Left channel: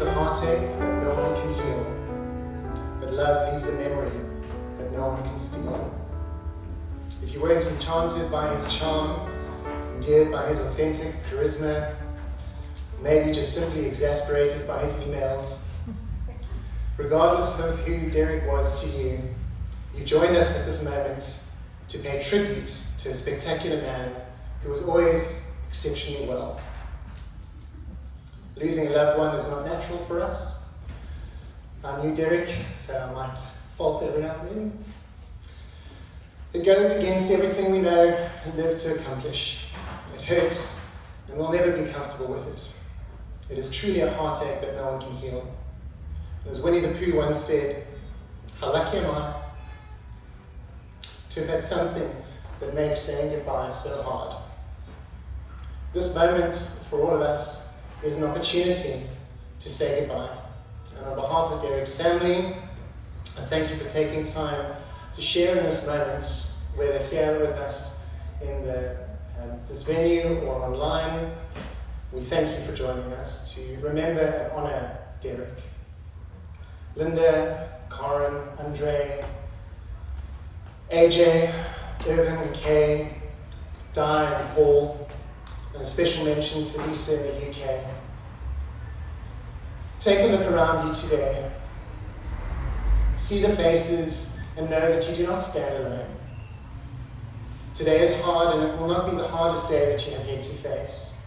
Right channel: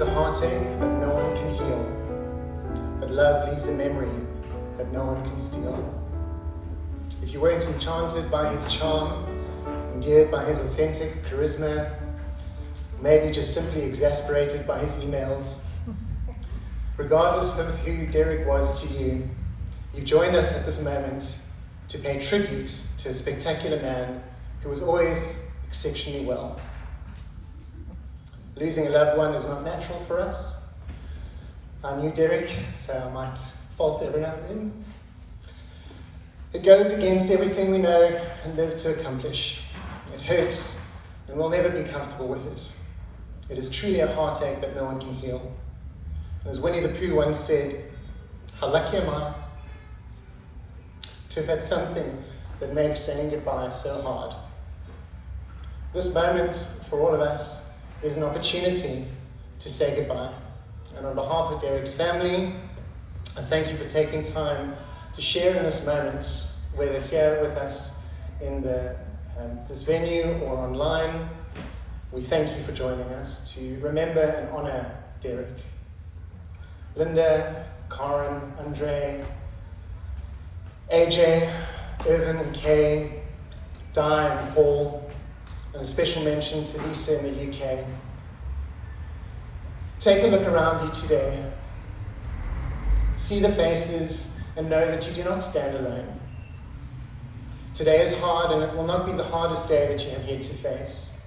leaves a heartache that no one can heal, but love leaves a memory that no one can steal. If you weren't enchanted by his charm, endeared by his authentic charisma, maybe just simply exasperated by his emails, regardless of who Derek was to you, you joined us at this moment to pay tribute to a spectacular man who was always exceptionally well. Losing a loved one is not natural for us. I knew Derek, so I might fault every now and then. It goes against everything we know and live to accomplish. It hurts, and we'll never be comfortable with it. It is truly a heartache that no one can heal. As Winnie the Pooh once said, how lucky am I to have had something that makes saying goodbye so hard. This moment, for all of us, is an opportunity to say goodbye. And on behalf of Derek's family, I thank you for taking time to share in this moment, whether here with us in this venue or online. We thank you for joining us to remember and honour Derek. Linda, Karen, Andre, AJ, Irvine and Kay, Di and Paul, and a special mention to Lisa in the UK. Take a look around you today. See the faces and know that you do not stand alone. Today is hard, and it will not be the hardest day that you have yet to face.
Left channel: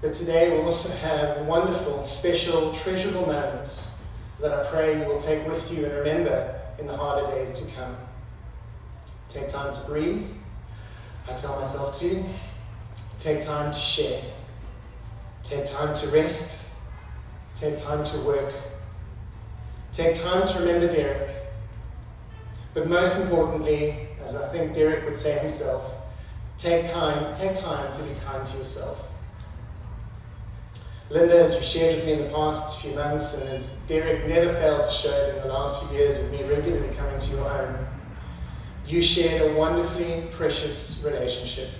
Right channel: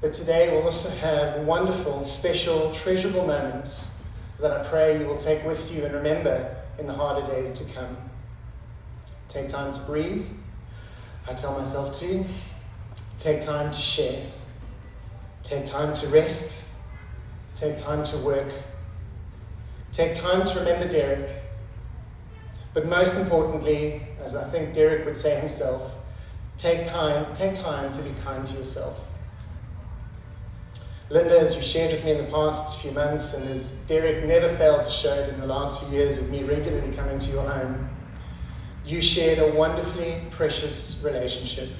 But today will also have wonderful, special, treasurable moments that I pray you will take with you and remember in the harder days to come. Take time to breathe. I tell myself to. Take time to share. Take time to rest. Take time to work. Take time to remember Derek. But most importantly, as I think Derek would say himself, take time to be kind to yourself. Linda, as you shared with me in the past few months, and as Derek never failed to show it in the last few years of me regularly coming to your home, you shared a wonderfully precious relationship.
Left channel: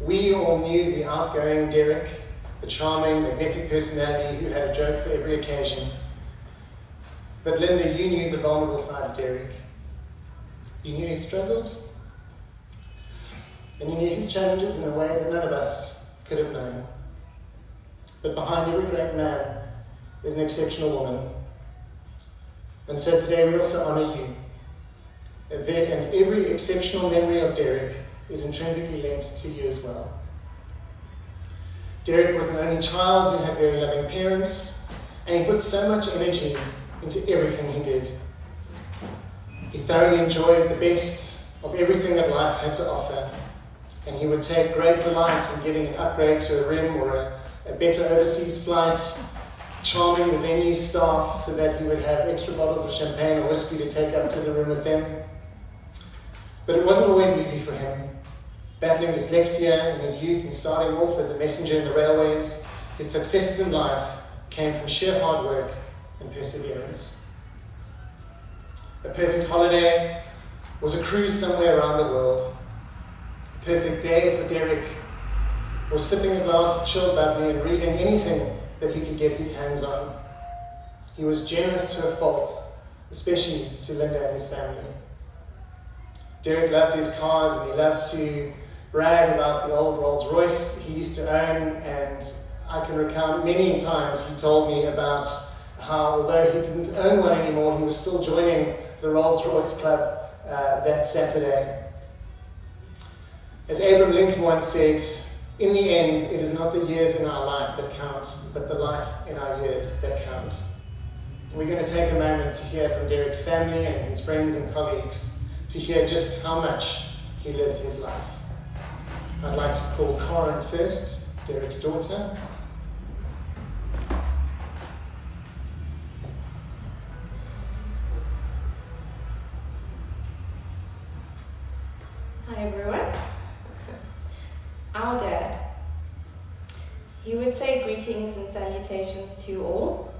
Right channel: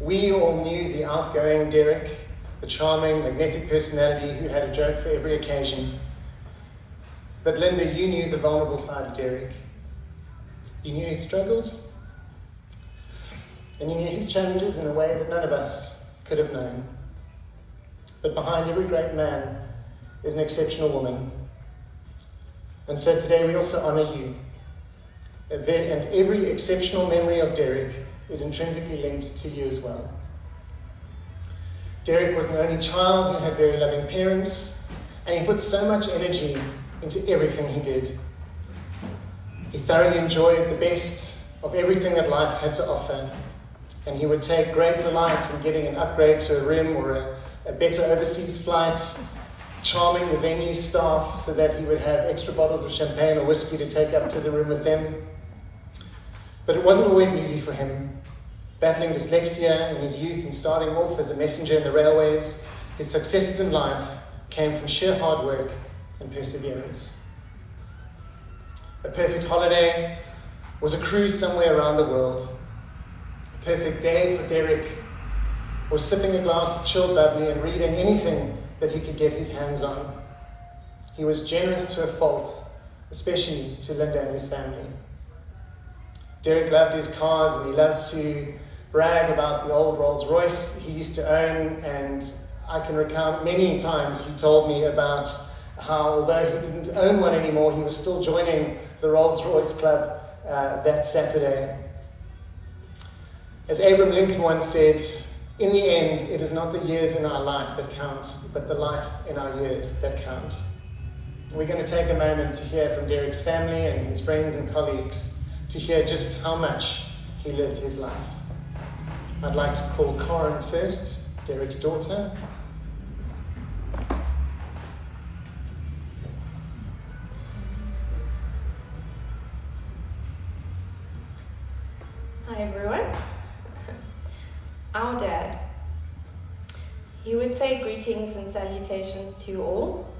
We all knew the outgoing Derek, the charming, magnetic personality who had a joke for every occasion. But Linda, you knew the vulnerable side of Derek. You knew his struggles, and you knew his challenges in a way that none of us could have known. But behind every great man is an exceptional woman. And so today we also honour you. And every exceptional memory of Derek is intrinsically linked to you as well. Derek was the only child who had very loving parents, and he put so much energy into everything he did. He thoroughly enjoyed the best of everything that life had to offer, and he would take great delight in getting an upgrade to a room or a better overseas flight, charming the venue staff so that he would have extra bottles of champagne or whiskey to take up to the room with them. But it wasn't always easy for him. Battling dyslexia in his youth and starting off as a messenger in the railways, his successes in life came from sheer hard work and perseverance. A perfect holiday was a cruise somewhere around the world. A perfect day for Derek was sipping a glass of chilled bubbly and reading anything that he could get his hands on. He was generous to a fault, especially to Linda and his family. Derek loved his cars, and he loved to brag about the old Rolls Royce he used to own, and I can recount many times he told me about how, although he didn't own one anymore, he was still joining the Rolls Royce Club that Saturday. As Abraham Lincoln once said, in the end, it is not the years in our life that count, but the life in our years that count. We're going to take a moment to hear from Derek's family and his friends and colleagues to hear just how much he lived his life. I'd like to call Karen first, Derek's daughter. Hi everyone. Our dad. He would say greetings and salutations to you all.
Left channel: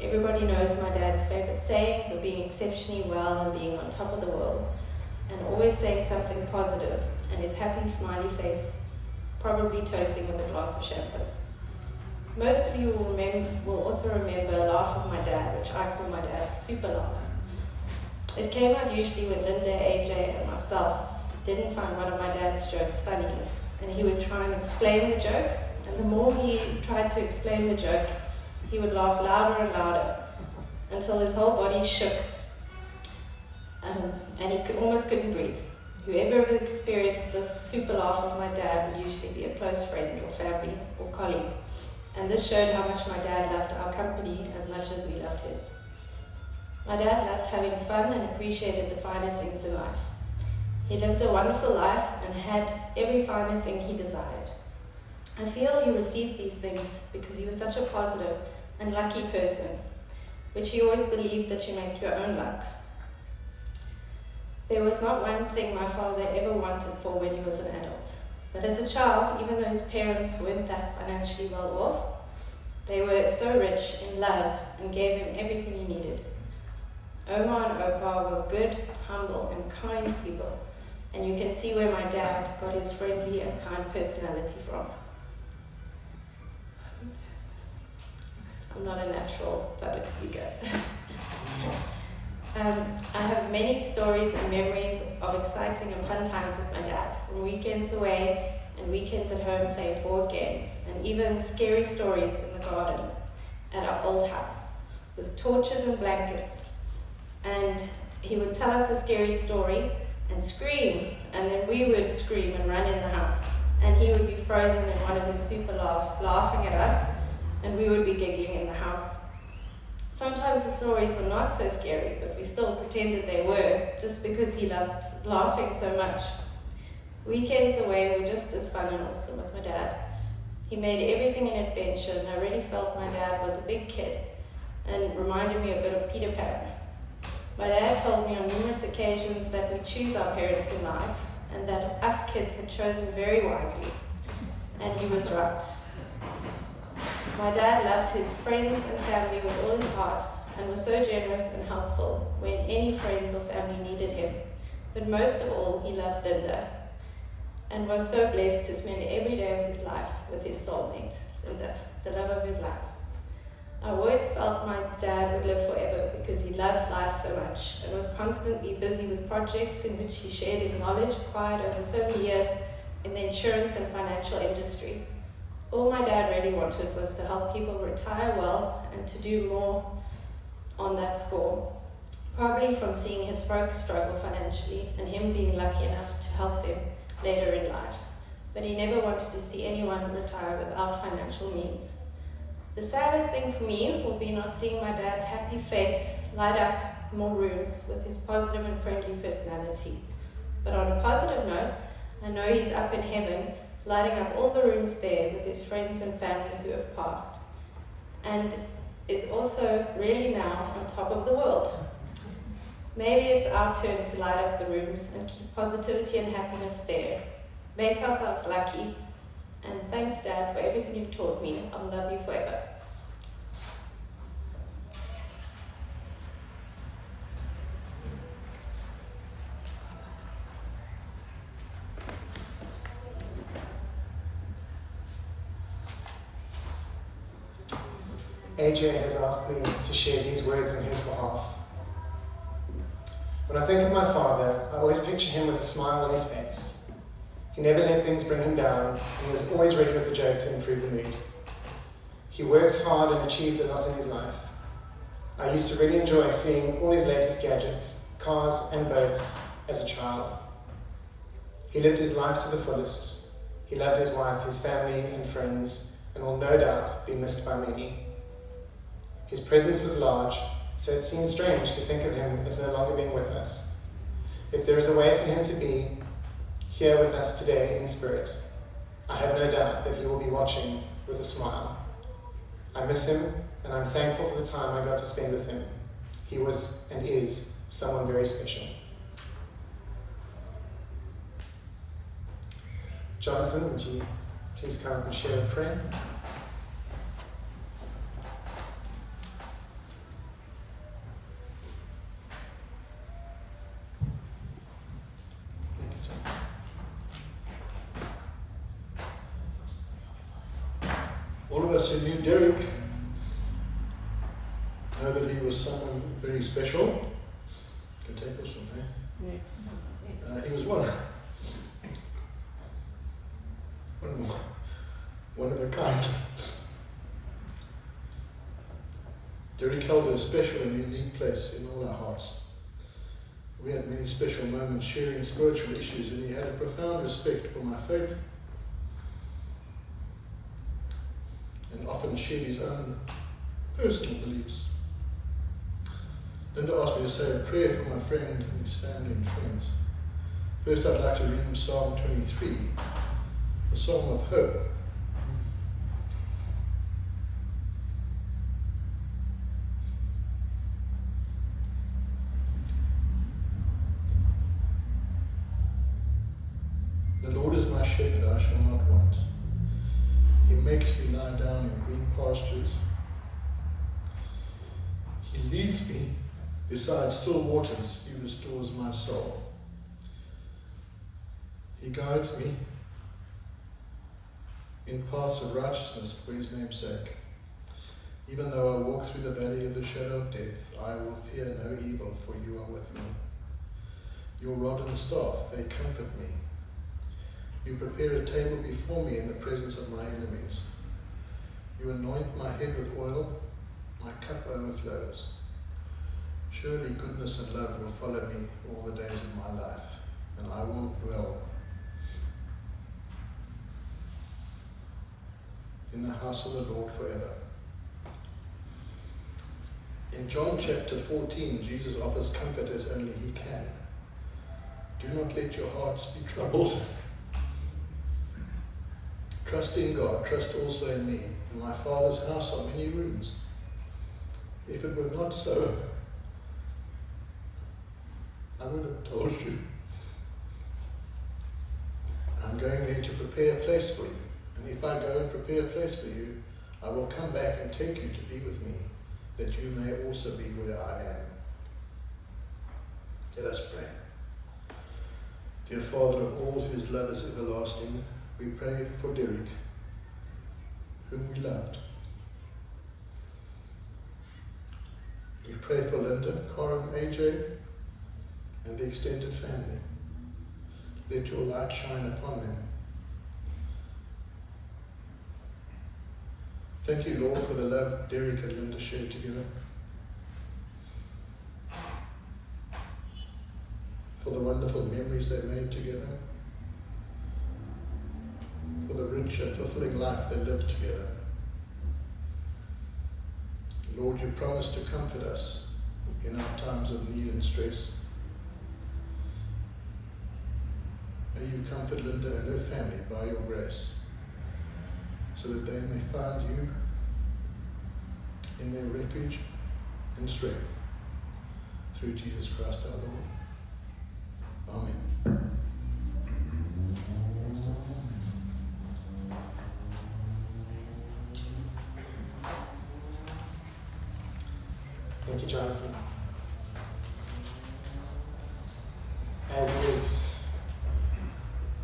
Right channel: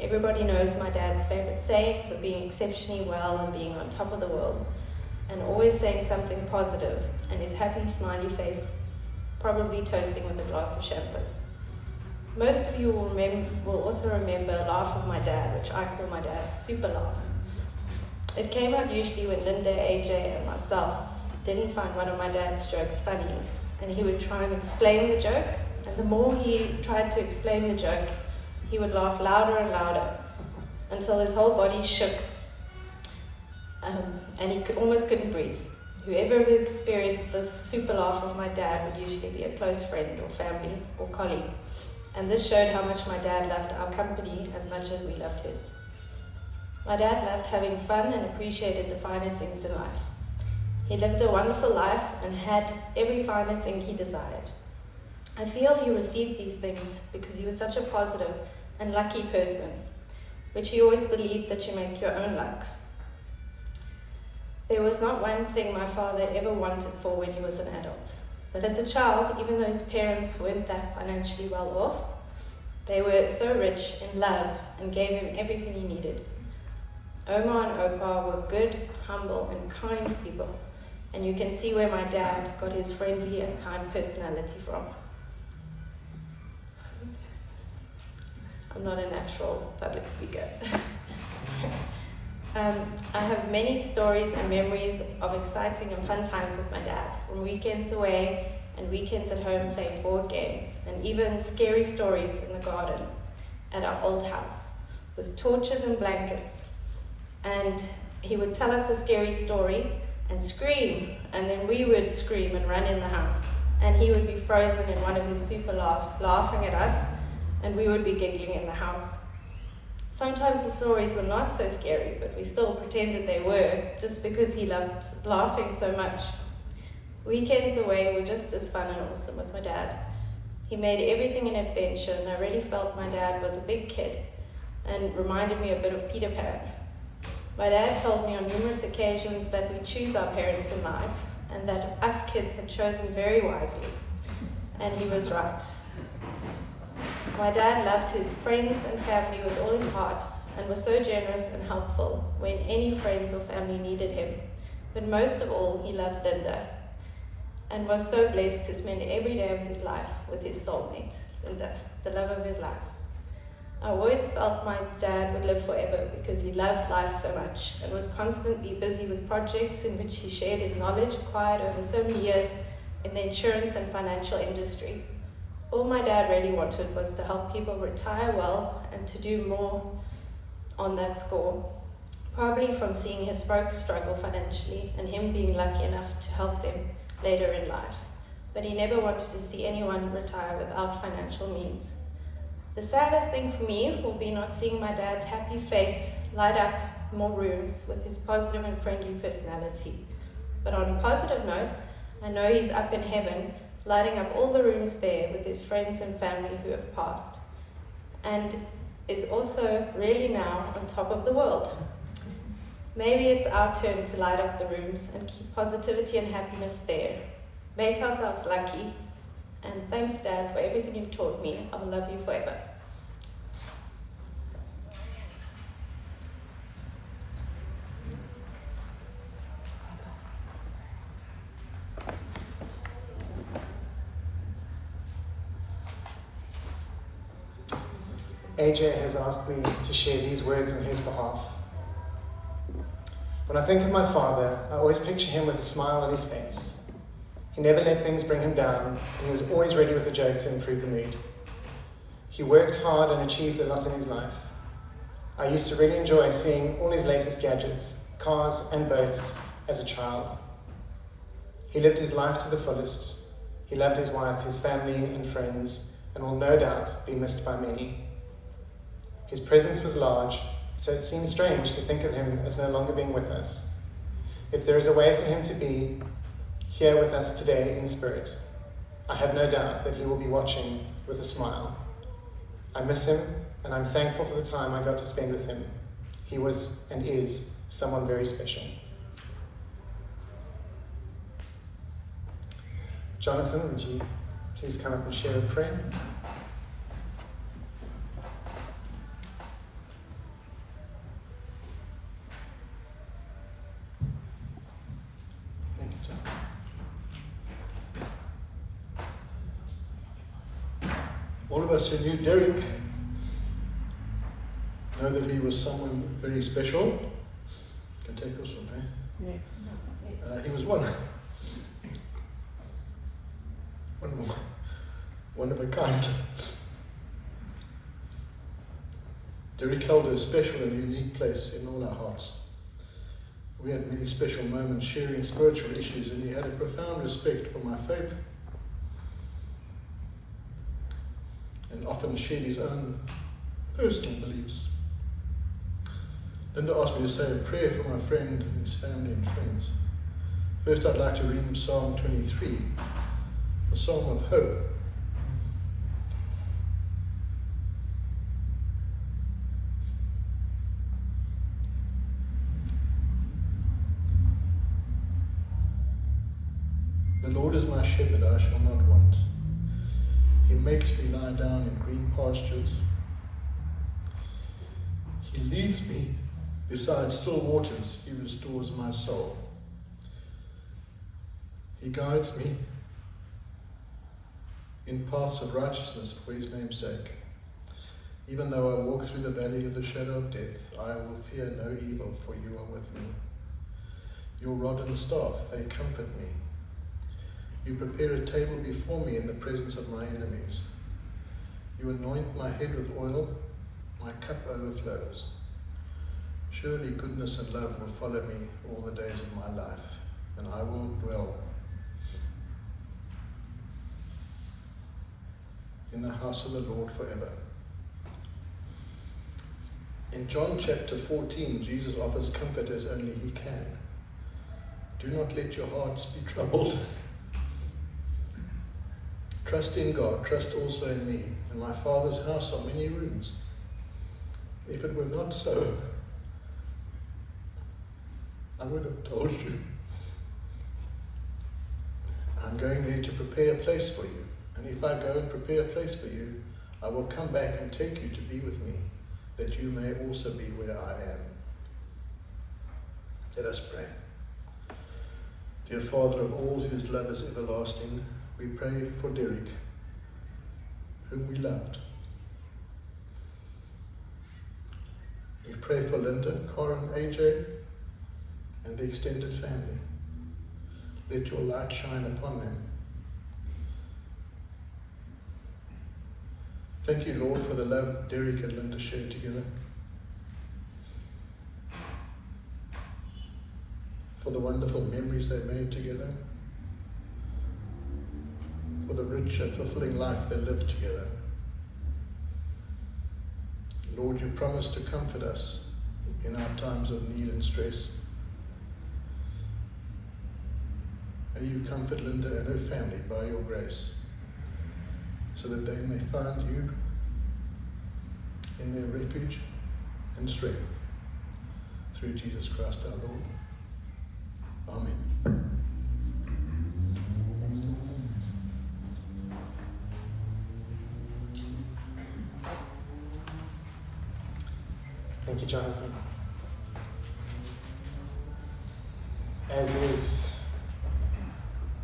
Everybody knows my dad's favorite sayings of being exceptionally well and being on top of the world, and always saying something positive, and his happy smiley face, probably toasting with a glass of champagne. Most of you will also remember a laugh of my dad, which I call my dad's super laugh. It came up usually when Linda, AJ, and myself didn't find one of my dad's jokes funny, and he would try and explain the joke, and the more he tried to explain the joke, he would laugh louder and louder until his whole body shook, and he almost couldn't breathe. Whoever experienced this super laugh of my dad would usually be a close friend or family or colleague, and this showed how much my dad loved our company as much as we loved his. My dad loved having fun and appreciated the finer things in life. He lived a wonderful life and had every finer thing he desired. I feel he received these things because he was such a positive and lucky person, which he always believed that you make your own luck. There was not one thing my father ever wanted for when he was an adult. But as a child, even though his parents weren't that financially well off, they were so rich in love and gave him everything he needed. Oma and Opa were good, humble, and kind people, and you can see where my dad got his friendly and kind personality from. I'm not a natural public speaker. I have many stories and memories of exciting and fun times with my dad, from weekends away and weekends at home playing board games, and even scary stories in the garden at our old house with torches and blankets. And he would tell us a scary story and scream, and then we would scream and run in the house, and he would be frozen in one of his super laughs, laughing at us, and we would be giggling in the house. Sometimes the stories were not so scary, but we still pretended they were, just because he loved laughing so much. Weekends away were just as fun and awesome with my dad. He made everything an adventure, and I really felt my dad was a big kid and reminded me a bit of Peter Pan. My dad told me on numerous occasions that we choose our parents in life, and that us kids had chosen very wisely, and he was right. My dad loved his friends and family with all his heart and was so generous and helpful when any friends or family needed him. But most of all, he loved Linda and was so blessed to spend every day of his life with his soulmate, Linda, the love of his life. I always felt my dad would live forever because he loved life so much and was constantly busy with projects in which he shared his knowledge acquired over so many years in the insurance and financial industry. All my dad really wanted was to help people retire well and to do more on that score, probably from seeing his folks struggle financially and him being lucky enough to help them later in life. But he never wanted to see anyone retire without financial means. The saddest thing for me will be not seeing my dad's happy face light up more rooms with his positive and friendly personality. But on a positive note, I know he's up in heaven, lighting up all the rooms there with his friends and family who have passed, and is also really now on top of the world. Maybe it's our turn to light up the rooms and keep positivity and happiness there. Make ourselves lucky, and thanks, Dad, for everything you've taught me. I'll love you forever. AJ has asked me to share these words in his behalf. When I think of my father, I always picture him with a smile on his face. He never let things bring him down, and he was always ready with a joke to improve the mood. He worked hard and achieved a lot in his life. I used to really enjoy seeing all his latest gadgets, cars and boats, as a child. He lived his life to the fullest. He loved his wife, his family and friends, and will no doubt be missed by many. His presence was large, so it seems strange to think of him as no longer being with us. If there is a way for him to be here with us today in spirit, I have no doubt that he will be watching with a smile. I miss him, and I'm thankful for the time I got to spend with him. He was and is someone very special. Jonathan, would you please come up and share a prayer? All of us who knew Derek know that he was someone very special. You can take this one, eh? Yes. He was one of a kind. Derek held a special and unique place in all our hearts. We had many special moments sharing spiritual issues, and he had a profound respect for my faith and often shared his own personal beliefs. Linda asked me to say a prayer for my friend and his family and friends. First, I'd like to read him Psalm 23, a psalm of hope. The Lord is my shepherd, I shall not want. He makes me lie down in green pastures. He leads me beside still waters. He restores my soul. He guides me in paths of righteousness for his name's sake. Even though I walk through the valley of the shadow of death, I will fear no evil, for you are with me. Your rod and staff, they comfort me. You prepare a table before me in the presence of my enemies. You anoint my head with oil, my cup overflows. Surely goodness and love will follow me all the days of my life, and I will dwell in the house of the Lord forever. In John chapter 14, Jesus offers comfort as only he can. Do not let your hearts be troubled. Trust in God, trust also in me. In my Father's house are many rooms. If it were not so, I would have told you. I'm going there to prepare a place for you. And if I go and prepare a place for you, I will come back and take you to be with me, that you may also be where I am. Let us pray. Dear Father of all, whose love is everlasting, we pray for Derek, whom we loved. We pray for Linda, Karen, AJ, and the extended family. Let your light shine upon them. Thank you, Lord, for the love Derek and Linda shared together, for the wonderful memories they made together, for the rich and fulfilling life they lived together. Lord, you promised to comfort us in our times of need and stress. May you comfort Linda and her family by your grace, so that they may find you in their refuge and strength. Through Jesus Christ our Lord. Amen. Thank you, Jonathan. As is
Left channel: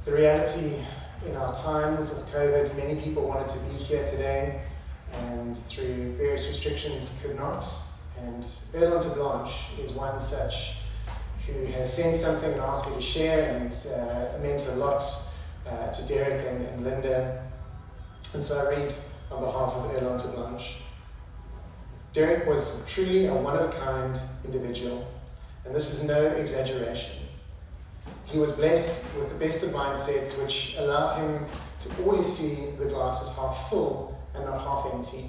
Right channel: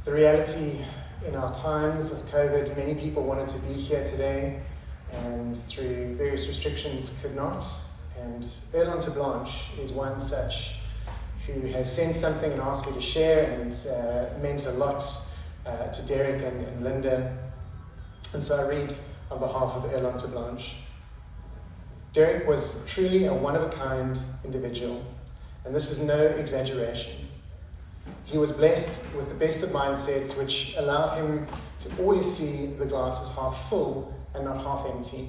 the reality in our times of COVID, many people wanted to be here today and through various restrictions could not. And Irlon Terblanche is one such who has sent something and asked me to share, and meant a lot to Derek and Linda. And so I read on behalf of Irlon Terblanche. Derek was truly a one-of-a-kind individual, and this is no exaggeration. He was blessed with the best of mindsets, which allowed him to always see the glass as half full and not half empty.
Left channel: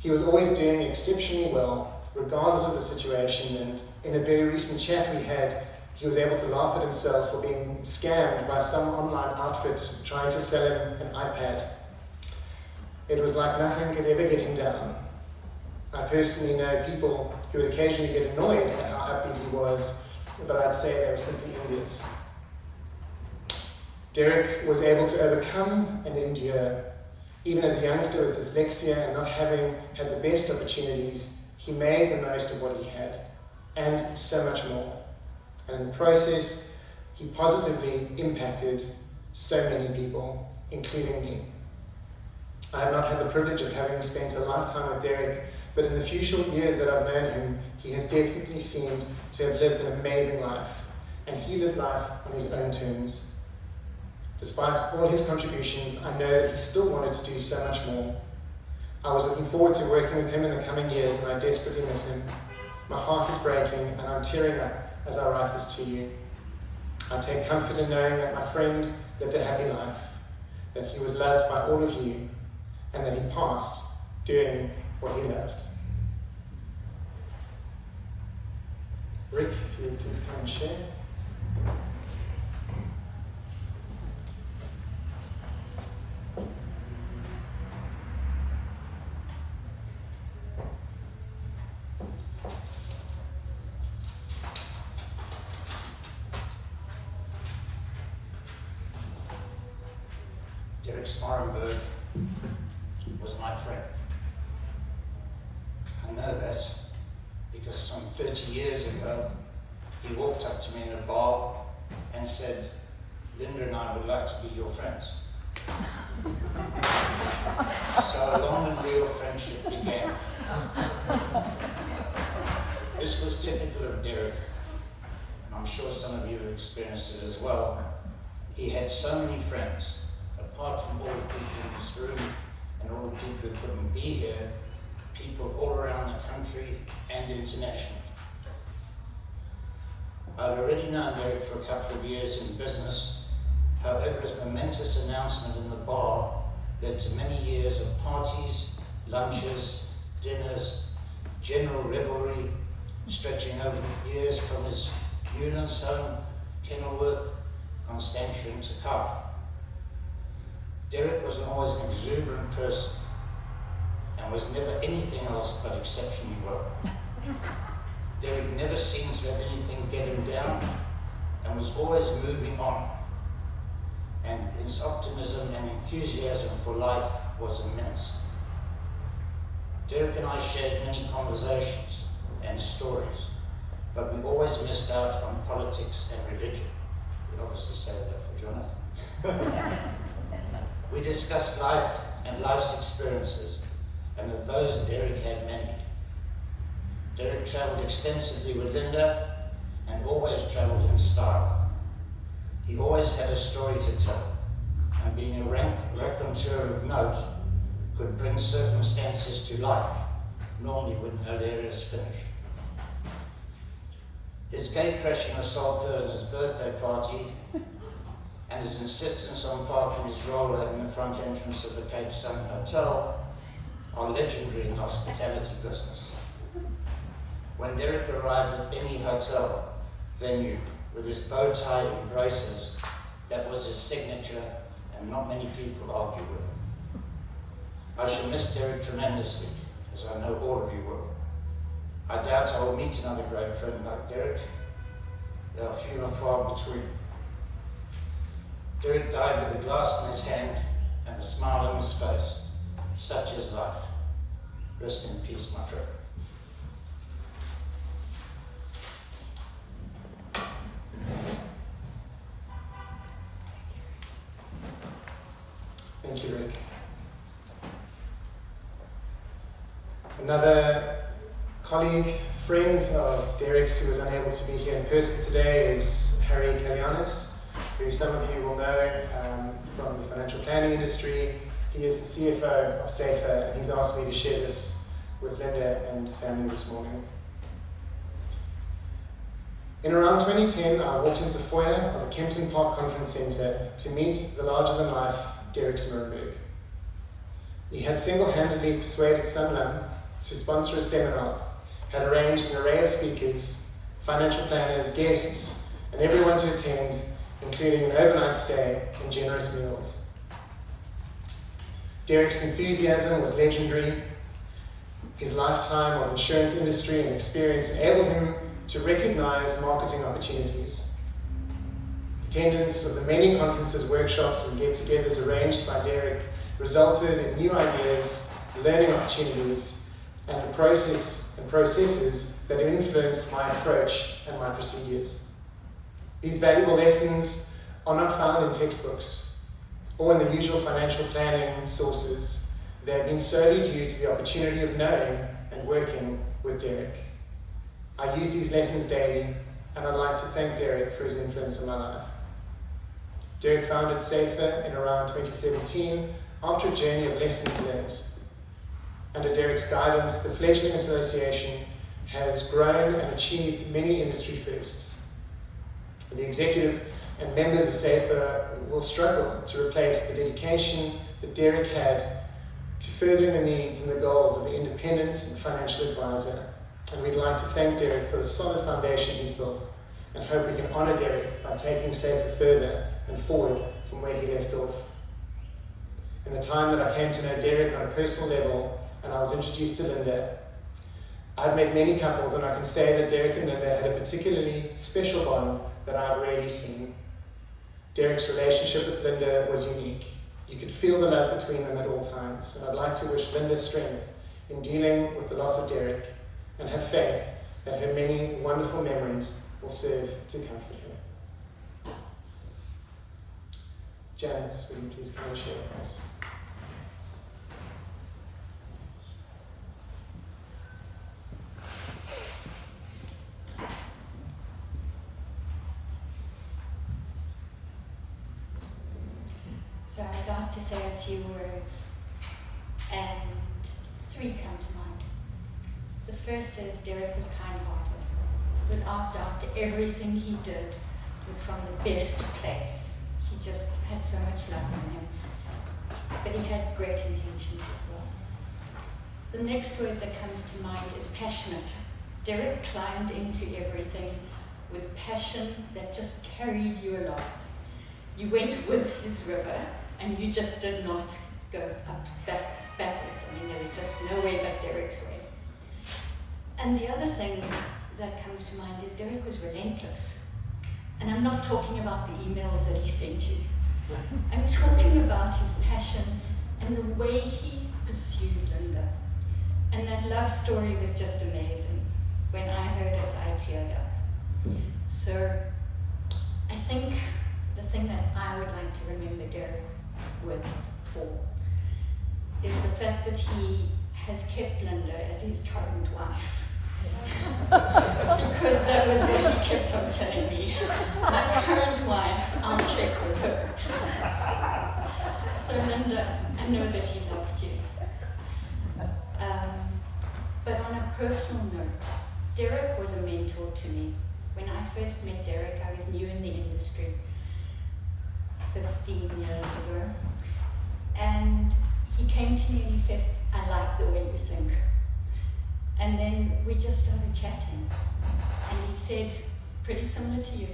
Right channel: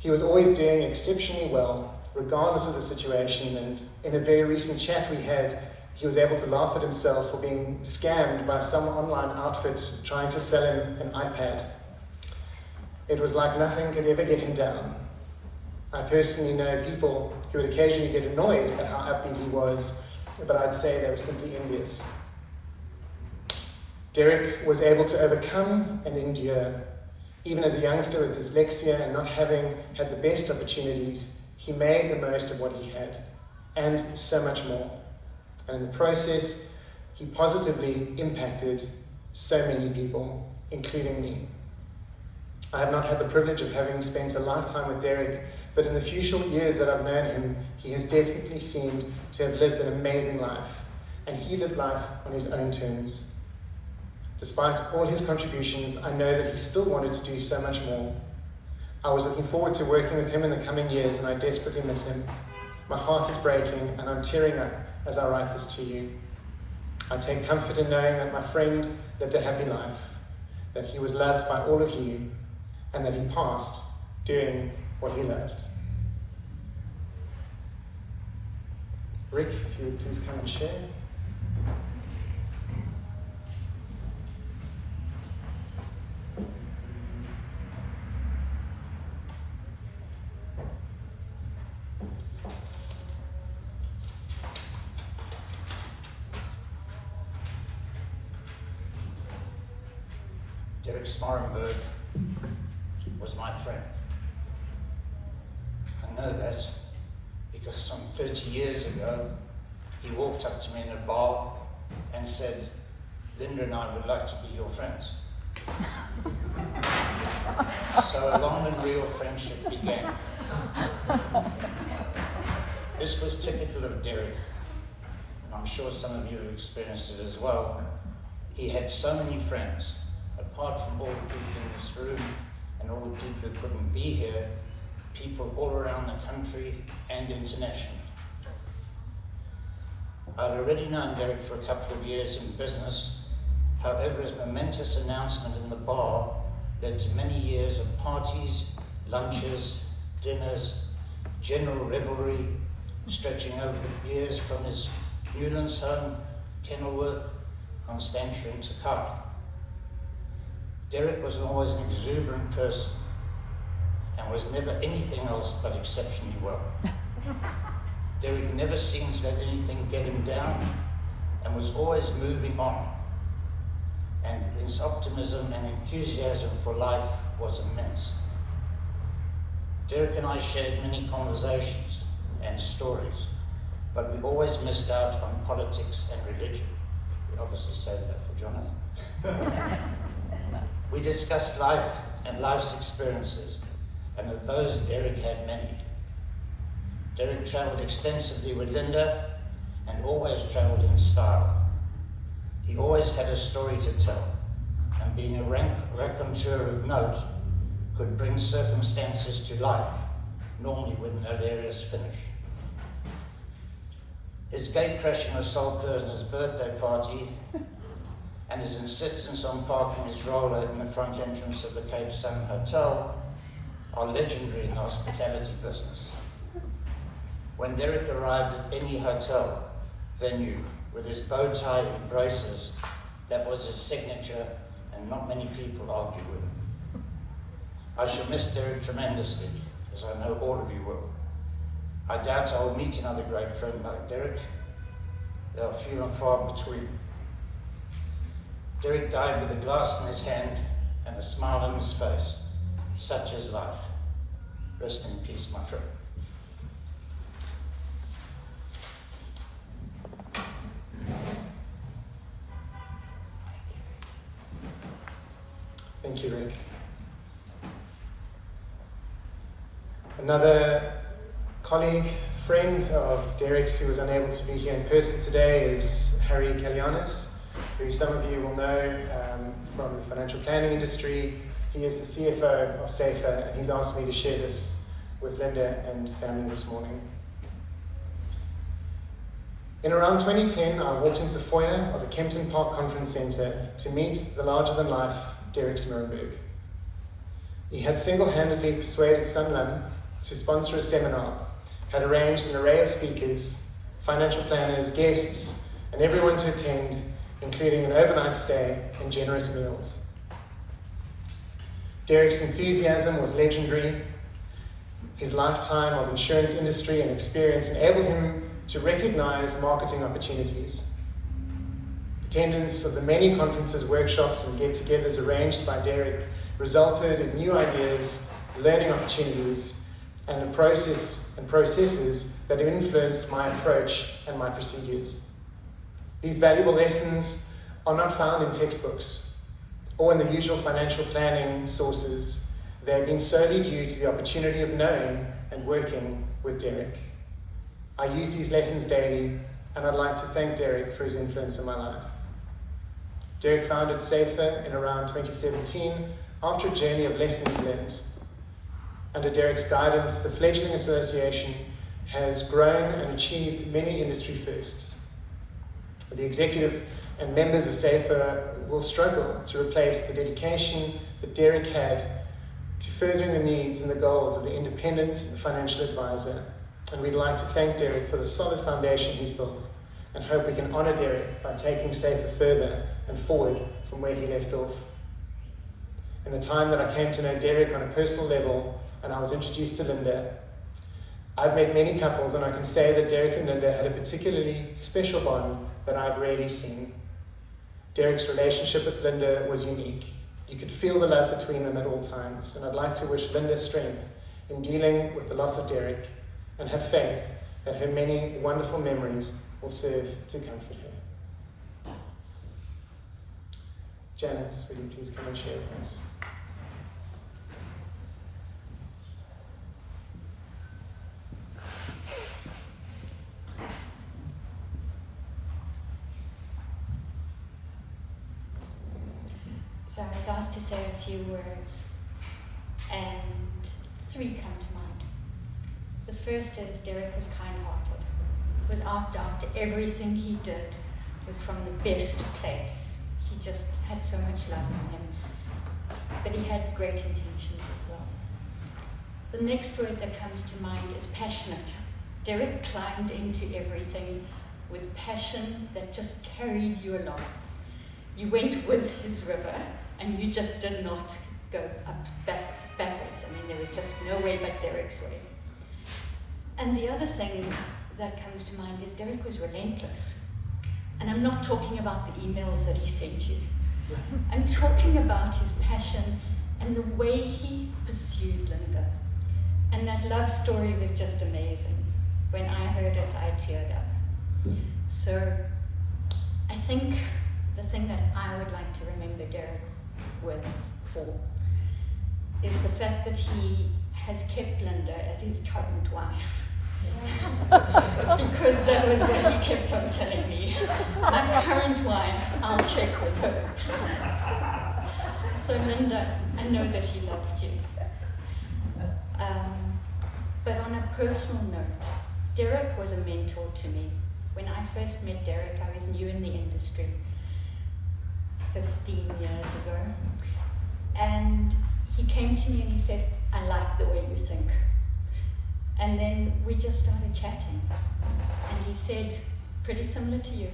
He was always doing exceptionally well, regardless of the situation, and in a very recent chat we had, he was able to laugh at himself for being scammed by some online outfit trying to sell him an iPad. It was like nothing could ever get him down. I personally know people who would occasionally get annoyed at how upbeat he was, but I'd say they were simply envious. Derek was able to overcome and endure. Even as a youngster with dyslexia and not having had the best opportunities, he made the most of what he had, and so much more. And in the process, he positively impacted so many people, including me. I have not had the privilege of having spent a lifetime with Derek, but in the few short years that I've known him, he has definitely seemed to have lived an amazing life, and he lived life on his own terms. Despite all his contributions, I know that he still wanted to do so much more. I was looking forward to working with him in the coming years, and I desperately miss him. My heart is breaking, and I'm tearing up as I write this to you. I take comfort in knowing that my friend lived a happy life, that he was loved by all of you, and that he passed doing what he loved. Rick, if you would please come and share. Karen Smorenburg was my friend. I know that because some 30 years ago, he walked up to me in a bar and said, "Linda and I would like to be your friends." So a long and real friendship began. This was typical of Derek, and I'm sure some of you have experienced it as well. He had so many friends. Apart from all the people in this room and all the people who couldn't be here, people all around the country and internationally. I'd already known Derek for a couple of years in business. However, his momentous announcement in the bar led to many years of parties, lunches, dinners, general revelry, stretching over the years from his Newlands home, Kenilworth, Constantia and Takara. Derek was always an exuberant person and was never anything else but exceptionally well. Derek never seemed to let anything get him down and was always moving on. And his optimism and enthusiasm for life was immense. Derek and I shared many conversations and stories, but we always missed out on politics and religion. We obviously saved that for Jonathan. We discussed life and life's experiences, and of those Derek had many. Derek travelled extensively with Linda and always travelled in style. He always had a story to tell, and being a raconteur of note, could bring circumstances to life, normally with an hilarious finish. His gate-crashing assault at his birthday party and his insistence on parking his roller in the front entrance of the Cape Sun Hotel are legendary in hospitality business. When Derek arrived at any hotel venue with his bow tie and braces, that was his signature, and not many people argue with him. I shall miss Derek tremendously, as I know all of you will. I doubt I will meet another great friend like Derek. There are few and far between. Derek died with a glass in his hand and a smile on his face. Such is life. Rest in peace, my friend. Thank you, Rick. Another colleague, friend of Derek's who was unable to be here in person today is Kalligiannis, who some of you will know from the financial planning industry. He is the CFO of SA-IFA, and he's asked me to share this with Linda and family this morning. In around 2010, I walked into the foyer of the Kempton Park Conference Centre to meet the larger-than-life Karen Smorenburg. He had single-handedly persuaded someone to sponsor a seminar, had arranged an array of speakers, financial planners, guests, and everyone to attend, including an overnight stay and generous meals. Derek's enthusiasm was legendary. His lifetime of insurance industry and experience enabled him to recognize marketing opportunities. Attendance of the many conferences, workshops, and get-togethers arranged by Derek resulted in new ideas, learning opportunities, and a processes that have influenced my approach and my procedures. These valuable lessons are not found in textbooks or in the usual financial planning sources, They have been solely due to the opportunity of knowing and working with Derek. I use these lessons daily, and I'd like to thank Derek for his influence in my life. Derek founded SA-IFA in around 2017 after a journey of lessons learned. Under Derek's guidance, the fledgling association has grown and achieved many industry firsts. The executive and members of SA-IFA will struggle to replace the dedication that Derek had to furthering the needs and the goals of the independent and financial advisor. And we'd like to thank Derek for the solid foundation he's built, and hope we can honour Derek by taking SA-IFA further and forward from where he left off. In the time that I came to know Derek on a personal level, and I was introduced to Linda, I've met many couples, and I can say that Derek and Linda had a particularly special bond that I've rarely seen. Derek's relationship with Linda was unique. You could feel the love between them at all times, and I'd like to wish Linda strength in dealing with the loss of Derek, and have faith that her many wonderful memories will serve to comfort her. Janet, will you please come and share with us? So I was asked to say a few words, and 3 come to mind. The first is Derek was kind-hearted. Without doubt, everything he did was from the best place. He just had so much love in him. But he had great intentions as well. The next word that comes to mind is passionate. Derek climbed into everything with passion that just carried you along. You went with his river, and you just did not go backwards. I mean, there was just no way but Derek's way. And the other thing that comes to mind is Derek was relentless. And I'm not talking about the emails that he sent you. I'm talking about his passion and the way he pursued Linda. And that love story was just amazing. When I heard it, I teared up. So I think the thing that I would like to remember Derek for is the fact that he has kept Linda as his current wife. Because that was what he kept on telling me. My current wife, I'll check with her. So Linda, I know that he loved you. But on a personal note, Derek was a mentor to me. When I first met Derek, I was new in the industry 15 years ago. And he came to me and he said, I like the way you think. And then we just started chatting. And he said, pretty similar to you,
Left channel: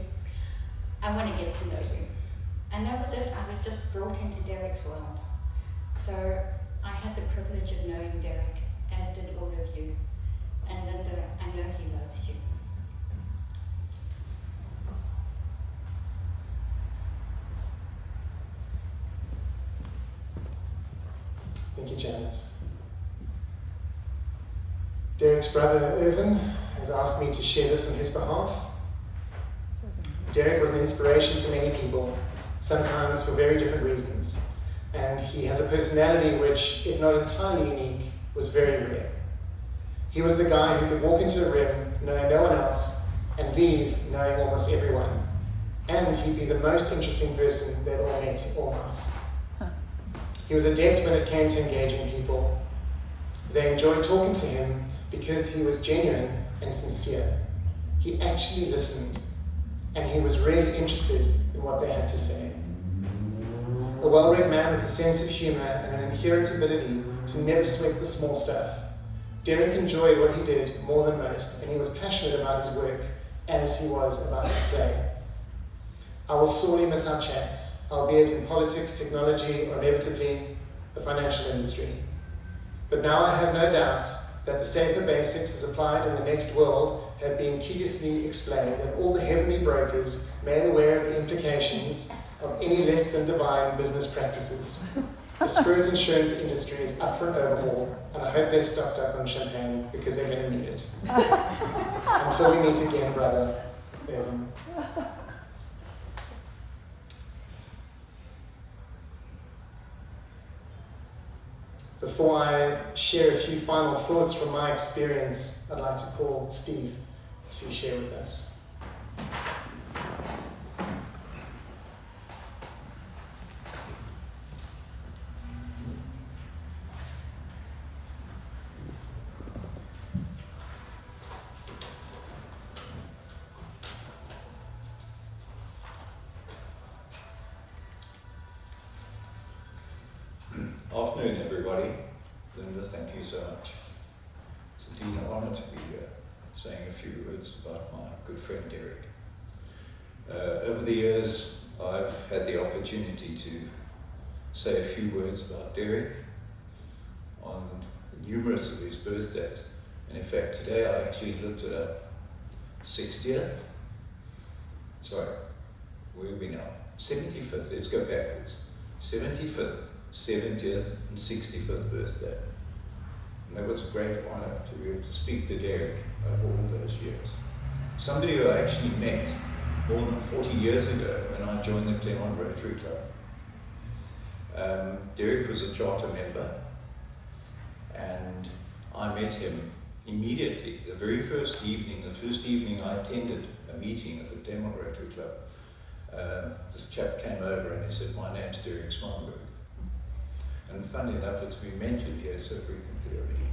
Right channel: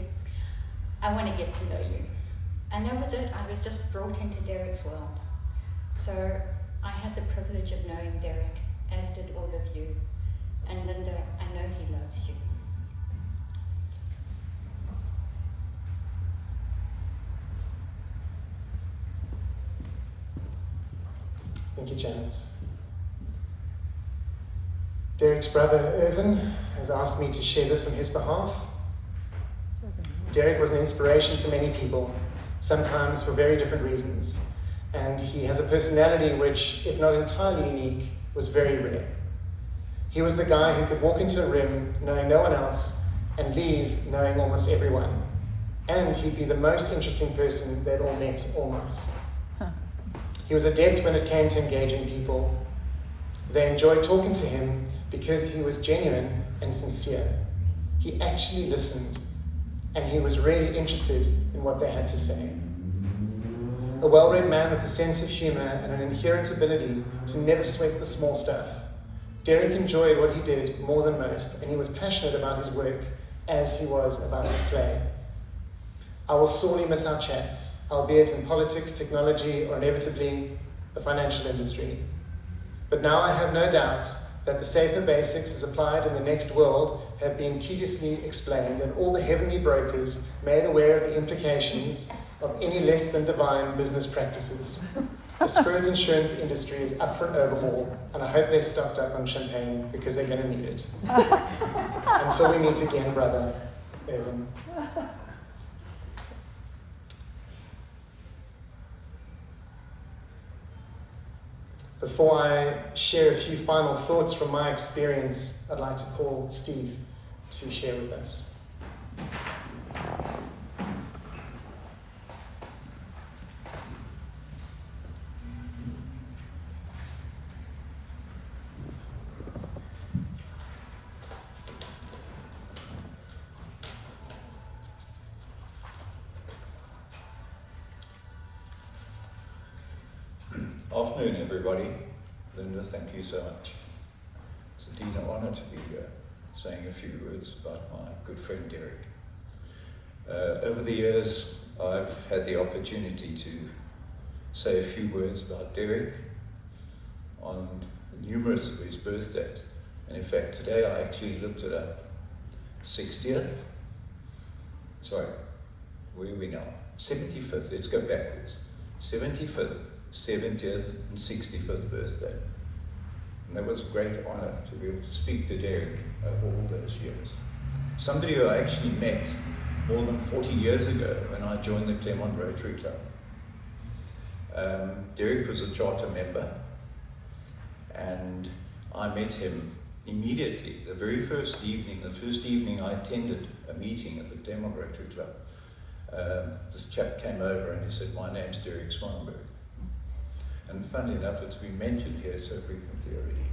I want to get to know you. And that was it. I was just brought into Derek's world. So I had the privilege of knowing Derek, as did all of you. And Linda, I know he loves you. Thank you, Janice. Derek's brother, Irvine, has asked me to share this on his behalf. Derek was an inspiration to many people, sometimes for very different reasons. And he has a personality which, if not entirely unique, was very rare. He was the guy who could walk into a room knowing no one else and leave knowing almost everyone. And he'd be the most interesting person they'd all met or not. He was adept when it came to engaging people. They enjoyed talking to him because he was genuine and sincere. He actually listened, and he was really interested in what they had to say. A well-read man with a sense of humour and an inherent ability to never sweat the small stuff. Derek enjoyed what he did more than most, and he was passionate about his work as he was about his play. I will sorely miss our chats, albeit in politics, technology, or inevitably the financial industry. But now I have no doubt that the safer basics as applied in the next world have been tediously explained, and all the heavenly brokers made aware of the implications of any less than divine business practices. The spirit insurance industry is up for an overhaul, and I hope they're stocked up on champagne because they're going to need it. Until we meet again, brother. Before I share a few final thoughts from my experience, I'd like to call Steve to share with us. Afternoon, everybody. Linda, thank you so much. It's indeed an honour to be here, saying a few words about my good friend Derek. Over the years, I've had the opportunity to say a few words about Derek on numerous of his birthdays. And in fact, today I actually looked at a 60th, sorry, where are we now? 75th, let's go backwards. 75th, 70th and 65th birthday. And it was a great honour to be able to speak to Derek over all those years. Somebody who I actually met more than 40 years ago when I joined the Claremont Rotary Club. Derek was a charter member, and I met him immediately, the very first evening I attended a meeting at the Claremont Rotary Club. This chap came over and he said, "My name's Karen Smorenburg." And funnily enough, it's been mentioned here so frequently already.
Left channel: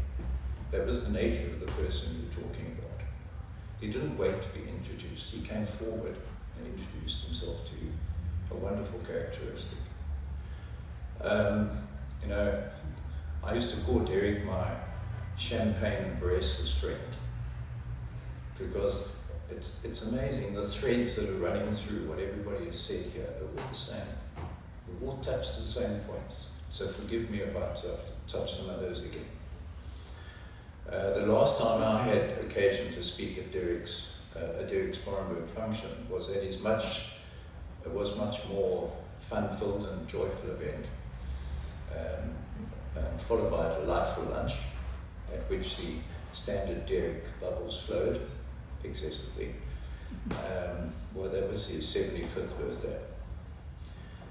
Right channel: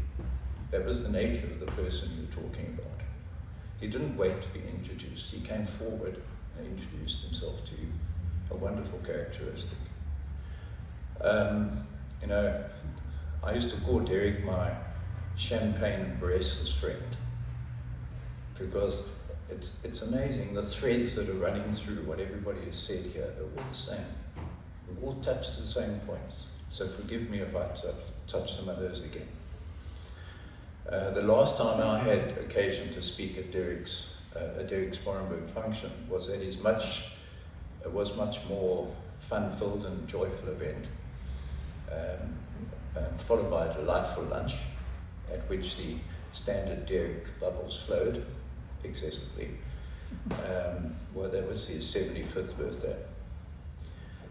That was the nature of the person you were talking about. He didn't wait to be introduced. He came forward and introduced himself to you. A wonderful characteristic. I used to call Derek my champagne and bracelets friend, because it's amazing the threads that are running through what everybody has said here. They're all the same. We've all touched the same points. So forgive me if I touch some of those again. The last time I had occasion to speak at Derek Smorenburg function was at his much more fun-filled and joyful event, followed by a delightful lunch, at which the standard Derek bubbles flowed excessively. Well, that was his 75th birthday.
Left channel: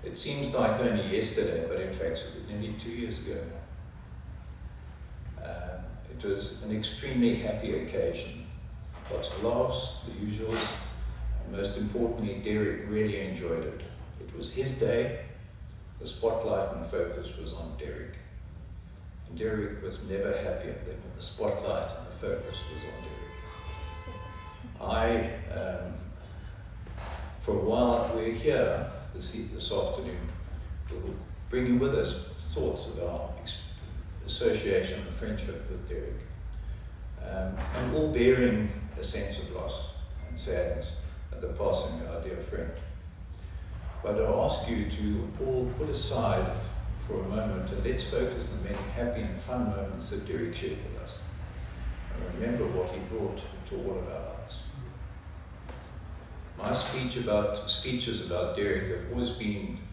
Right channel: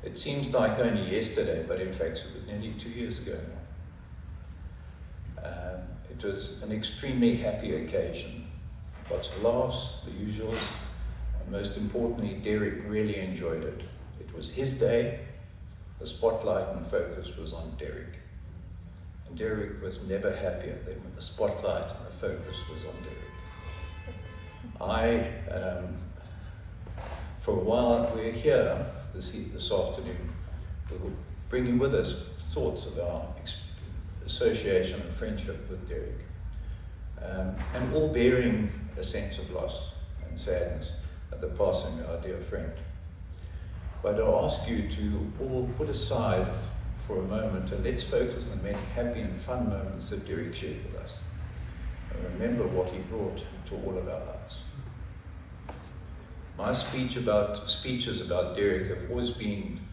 It seems like only yesterday, but in fact it was nearly 2 years ago now. It was an extremely happy occasion. Lots of laughs, the usual, and most importantly, Derek really enjoyed it. It was his day, the spotlight and focus was on Derek. And Derek was never happier than when the spotlight and the focus was on Derek. For a while, we're here this afternoon, we're bringing with us thoughts of our association and friendship with Derek, and all bearing a sense of loss and sadness at the passing of our dear friend. But I'll ask you to all put aside for a moment and let's focus on the many happy and fun moments that Derek shared with us, and remember what he brought to all of our lives. My speeches about Derek have always been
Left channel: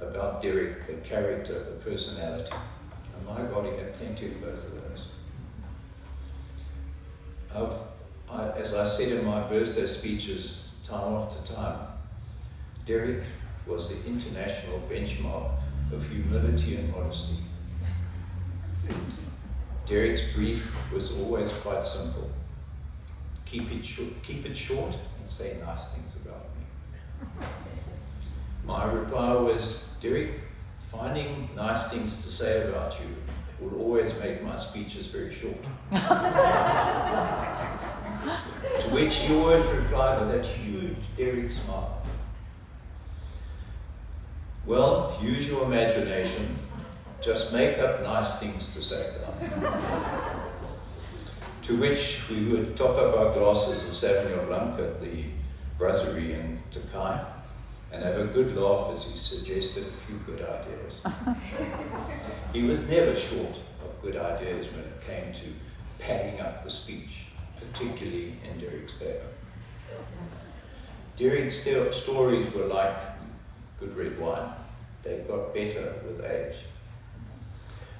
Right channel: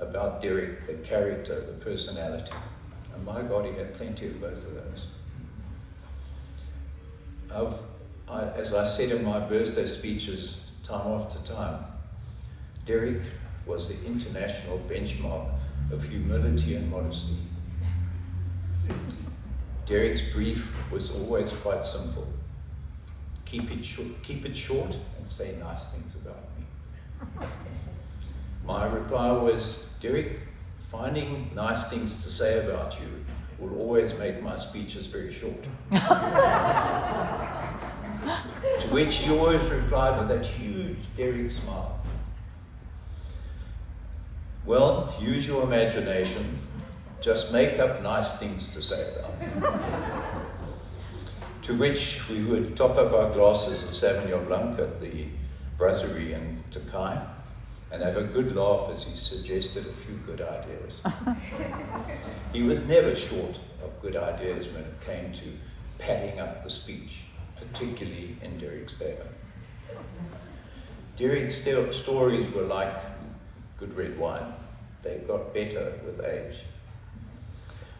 about Derek, the character, the personality. And my God, he had plenty of both of those. As I said in my birthday speeches time after time, Derek was the international benchmark of humility and modesty. Derek's brief was always quite simple. Keep it short and say nice things about me. My reply was, Derek, finding nice things to say about you will always make my speeches very short. To which he always replied with that huge Derek smile. Well, use your imagination, just make up nice things to say about me. To which we would top up our glasses of Sauvignon Blanc at the brasserie in Takai and have a good laugh as he suggested a few good ideas. He was never short of good ideas when it came to padding up the speech, particularly in Derek's favor. Derek's stories were like good red wine. They got better with age.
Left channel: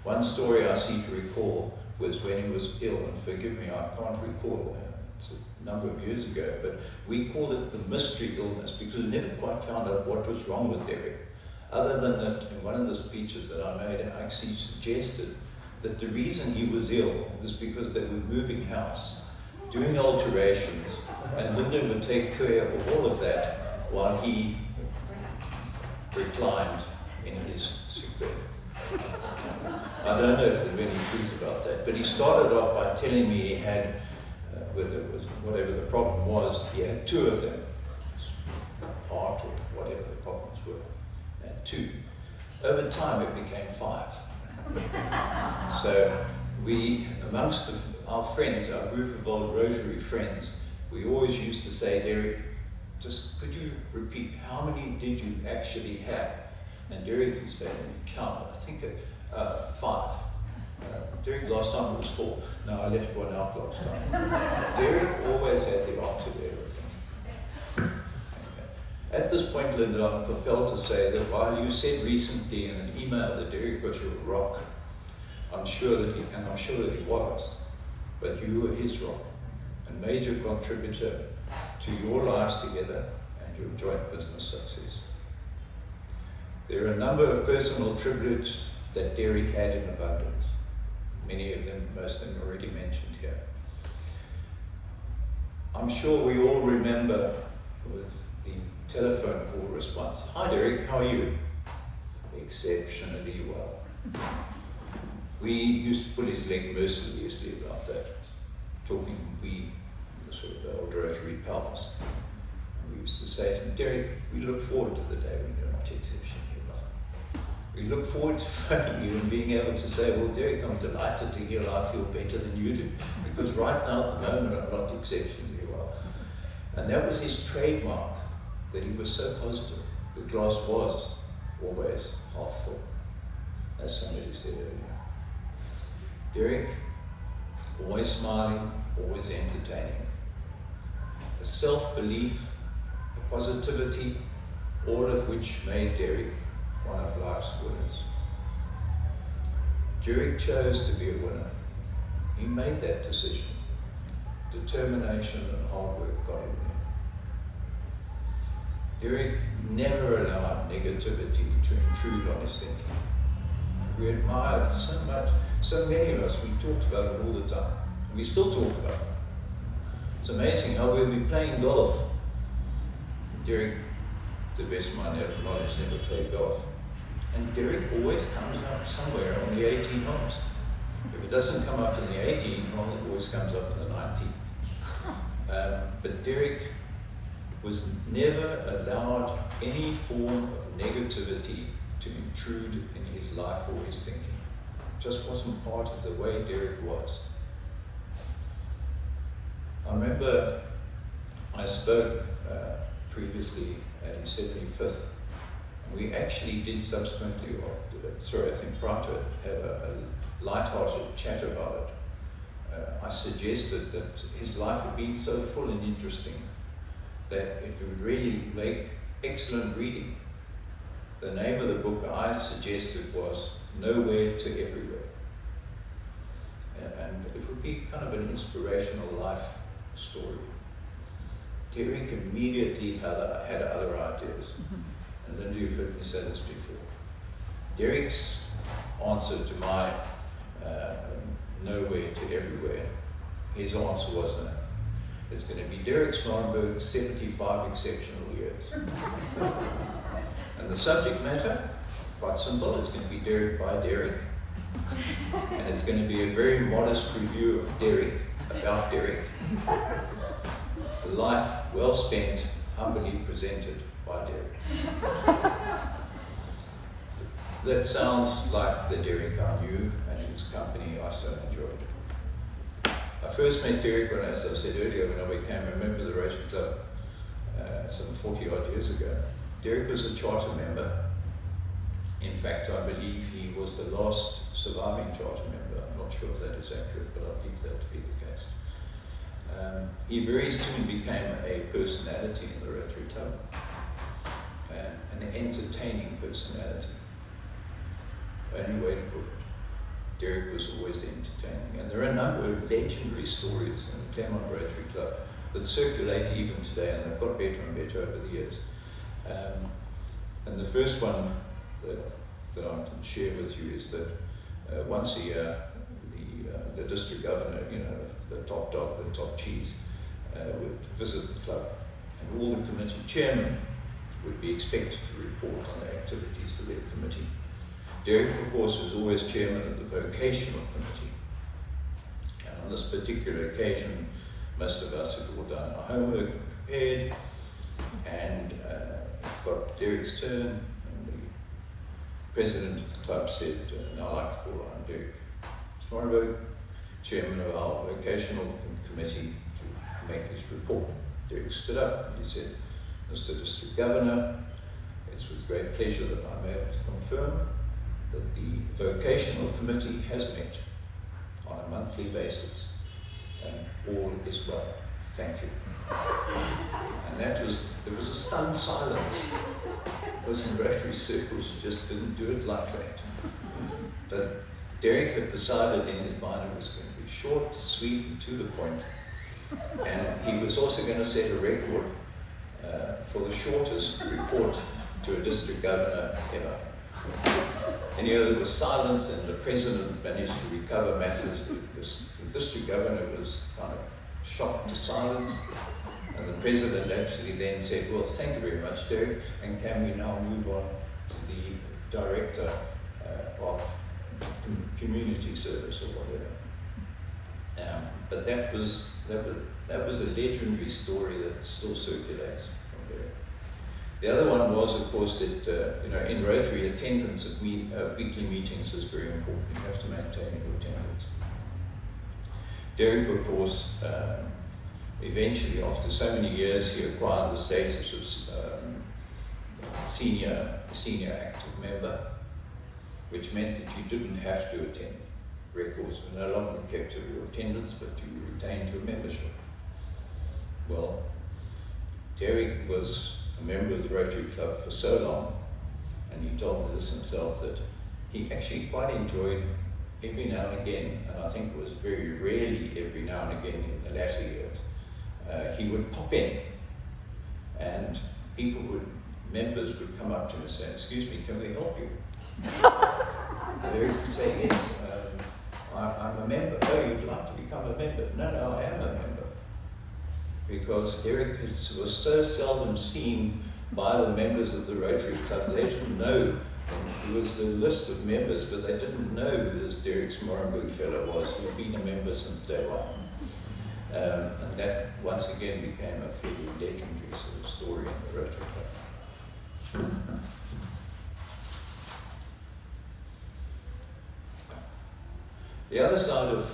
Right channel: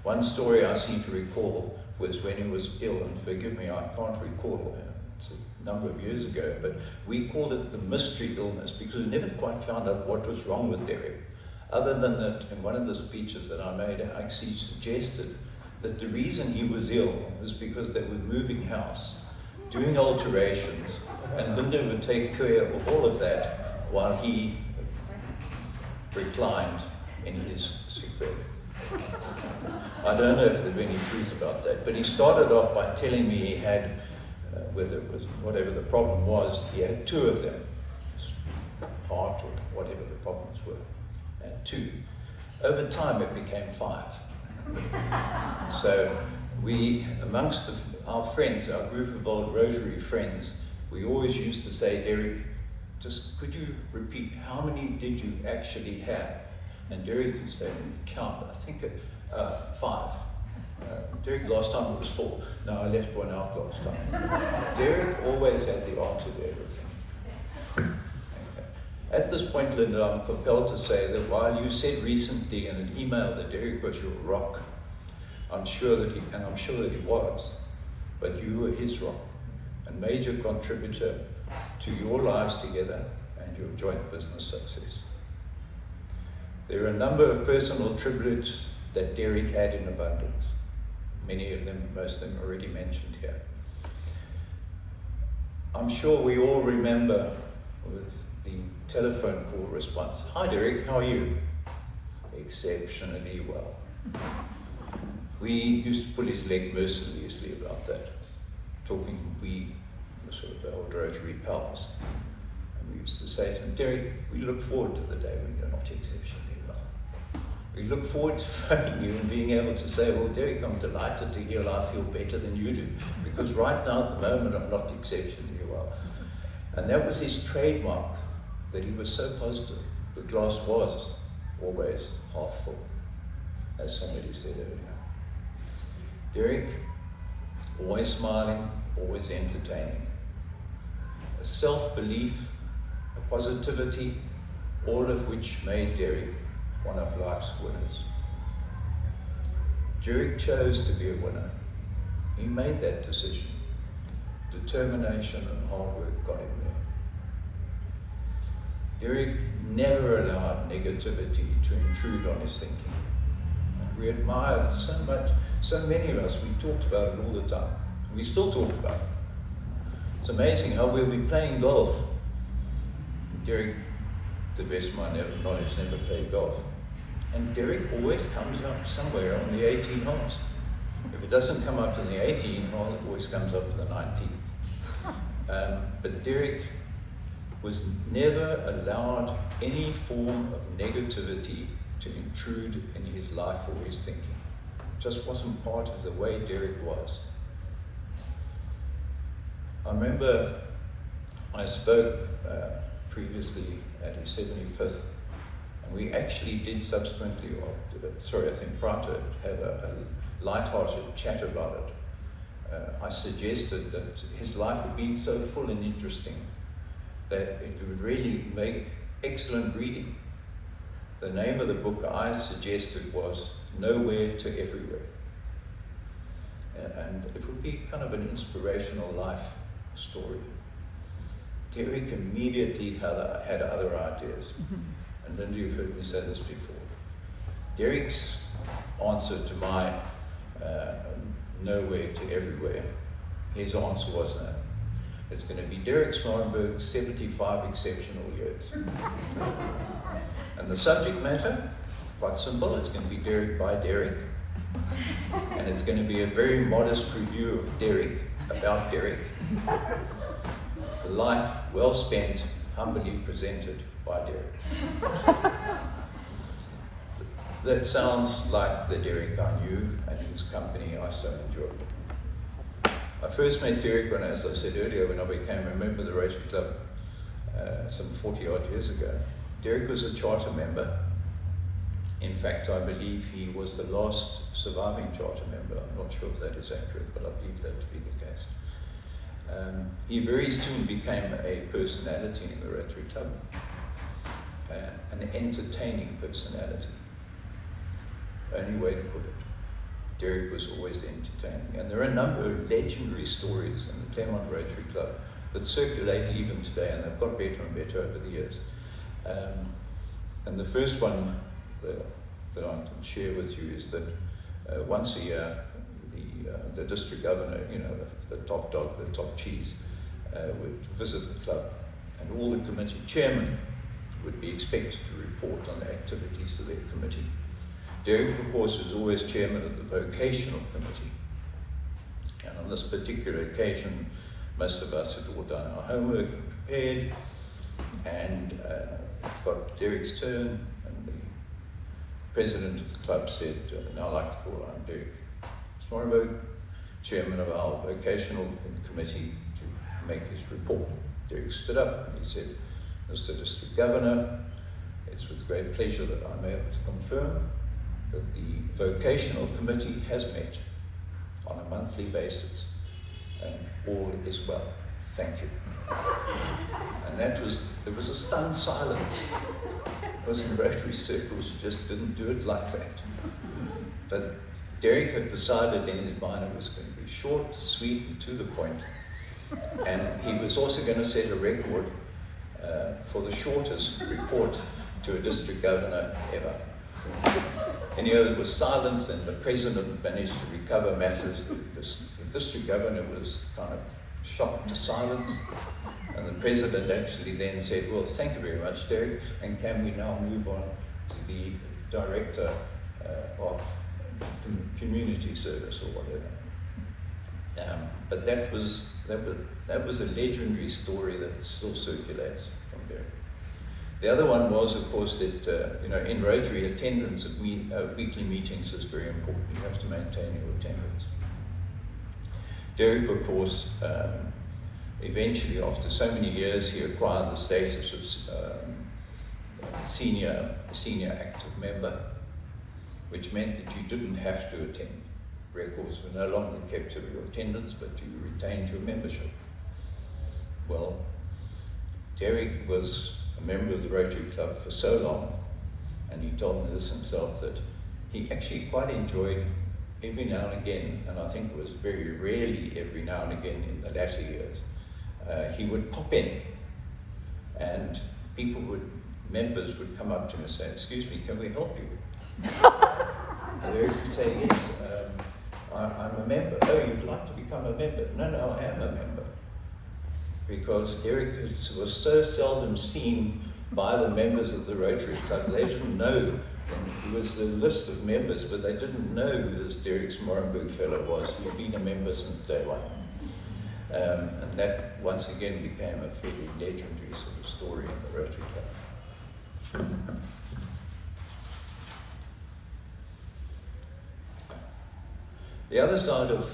One story I seem to recall was when he was ill, and forgive me, I can't recall, it's a number of years ago, but we called it the mystery illness because we never quite found out what was wrong with Derek. Other than that, in one of the speeches that I made, I actually suggested that the reason he was ill was because they were moving house, doing alterations, and Linda would take care of all of that while he reclined in his sick bed. I don't know if there's any truth about that, but he started off by telling me he had, whether it was whatever the problem was, he had 2 of them, heart or whatever the problems were, and 2. Over time it became 5. So we, amongst our friends, our group of old Rosary friends, we always used to say, Derek, just could you repeat, how many did you actually have? And Derek used to say, count, I think 5. Derek, last time it was 4. No, I left one out last time. Derek always had the answer to everything. At this point, Linda, I'm compelled to say that while you said recently in an email that Derek was your rock, I'm sure that he was, but you were his rock, a major contributor to your lives together and your joint business success. There are a number of personal tributes that Derek had in abundance. Many of them, most of them already mentioned here. I'm sure we all remember with the telephone call response, "Hi Derek, how are you?" "Exceptionally well." We used to put his leg mercilessly about that, talking sort of the old Rotary pals. And we used to say to him, "Derek, we look forward to the day when you're not exceptionally well. We look forward to phoning you and being able to say, well, Derek, I'm delighted to hear I feel better than you do, because right now at the moment I'm not exceptionally well." And that was his trademark, that he was so positive. The glass was always half full, as somebody said earlier. Derek, always smiling, always entertaining. A self-belief, a positivity, all of which made Derek one of life's winners. Derek chose to be a winner. He made that decision. Determination and hard work got him there. Derek never allowed negativity to intrude on his thinking. We admired so much, so many of us, we talked about it all the time. We still talk about it. It's amazing how we'll be playing golf. Derek, to the best of my knowledge, never played golf. And Derek always comes up somewhere on the 18 holes. If it doesn't come up in the 18 hole, it always comes up in the 19th. But Derek was never allowed any form of negativity to intrude in his life or his thinking. It just wasn't part of the way Derek was. I remember I spoke previously at his 75th, and we actually did subsequently, I think prior to it, have a light-hearted chat about it. I suggested that his life would be so full and interesting that it would really make excellent reading. The name of the book I suggested was Nowhere to Everywhere. And it would be kind of an inspirational life story. Derek immediately had other ideas. And Linda, you've heard me say this before. Derek's answer to my Nowhere to Everywhere, his answer was no. It's going to be Derek Smorenburg, 75 exceptional years. And the subject matter, quite simple, it's going to be Derek by Derek. And it's going to be a very modest review of Derek, about Derek. The life well spent, humbly presented by Derek. That sounds like the Derek I knew and whose company I so enjoyed. I first met Derek when, as I said earlier, when I became a member of the Rotary Club some 40 odd years ago. Derek was a charter member. In fact, I believe he was the last surviving charter member. I'm not sure if that is accurate, but I believe that to be the case. He very soon became a personality in the Rotary Club, an entertaining personality. Only way to put it. Derek was always entertaining. And there are a number of legendary stories in the Claremont Rotary Club that circulate even today, and they've got better and better over the years. And the first one that I can share with you is that once a year, the district governor, you know, the top dog, the top cheese, would visit the club, and all the committee chairmen would be expected to report on the activities of their committee. Derek, of course, was always chairman of the vocational committee, and on this particular occasion, most of us had all done our homework and prepared, and got Derek's turn, and the president of the club said, now I'd like to call on Derek Smorenburg, chairman of our vocational committee, to make his report. Derek stood up and he said, Mr. District Governor, it's with great pleasure that I'm able to confirm that the vocational committee has met on a monthly basis, and all is well. Thank you. And there was a stunned silence, because in Rotary circles you just didn't do it like that. But Derek had decided in his mind it was going to be short, sweet, and to the point. And he was also going to set a record for the shortest report to a district governor ever. And here there was silence, and the president managed to recover matters. The district governor was kind of shocked to silence. And the president actually then said, well, thank you very much, Derek, and can we now move on to the director of community service or whatever. But that was a legendary story that still circulates from there. The other one was, of course, that in Rotary, attendance at weekly meetings is very important. You have to maintain your attendance. Derek, of course, eventually, after so many years, he acquired the status of senior active member, which meant that you didn't have to attend. Records were no longer kept of your attendance, but you retained your membership. Well, Derek was a member of the Rotary Club for so long, and he told me this himself, that he actually quite enjoyed every now and again, and I think it was very rarely every now and again in the latter years, he would pop in, and members would come up to him and say, excuse me, can we help you? And Derek would say, yes, I'm a member. Oh, you'd like to become a member? No, I am a member. Because Derek was so seldom seen by the members of the Rotary Club, they didn't know. He was the list of members, but they didn't know who this Derek Smorenburg fellow was. He'd been a member since day one. And that once again became a fairly legendary sort of story in the Rotary Club. The other side of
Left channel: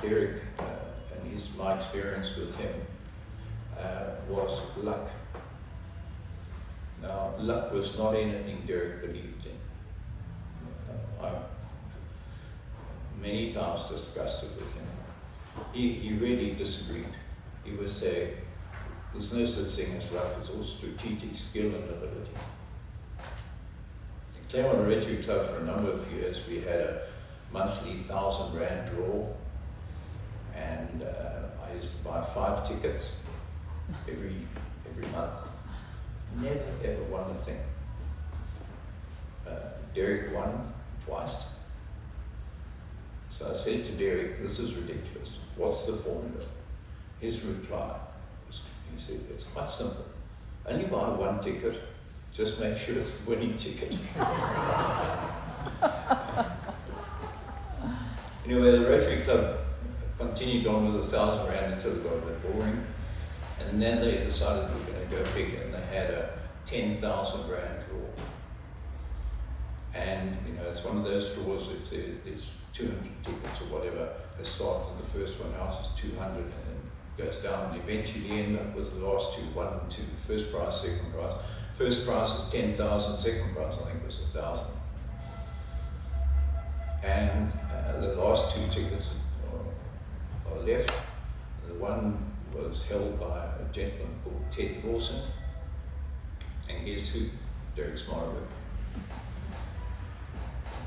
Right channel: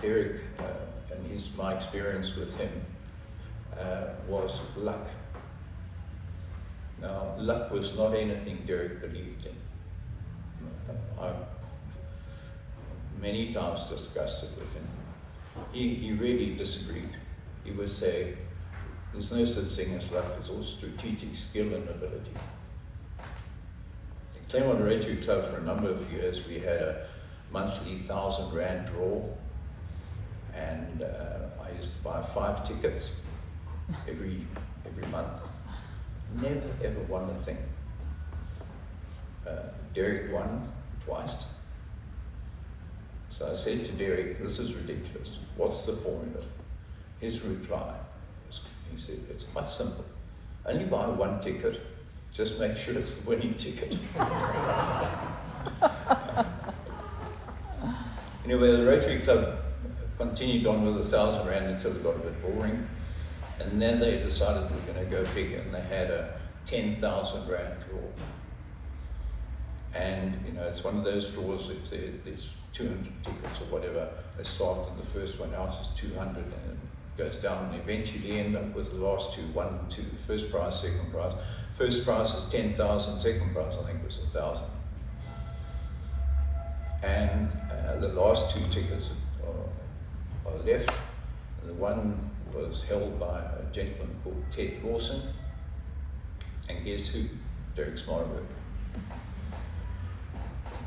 Derek and my experience with him was luck. Now, luck was not anything Derek believed in. I many times discussed it with him. He really disagreed. He would say, there's no such thing as luck, it's all strategic skill and ability. I came on Rotary Club for a number of years. We had a monthly 1,000 Rand draw, and I used to buy 5 tickets every month. Never ever won a thing. Derek won twice. So I said to Derek, this is ridiculous. What's the formula? His reply, he said, it's quite simple. Only buy 1 ticket, just make sure it's the winning ticket. Anyway, the Rotary Club continued on with 1,000 Rand until it got a bit boring. And then they decided we were going to go big, and they had a 10,000 Rand draw. And it's one of those draws, if there's 200 tickets or whatever, they start with the first one out is 200 and then goes down, and eventually end up with the last 2, 1 and 2, first prize, second prize. First prize was 10,000, second prize I think was 1,000. And the last 2 tickets are left. The one was held by a gentleman called Ted Lawson, and guess who? Derek Smorenburg.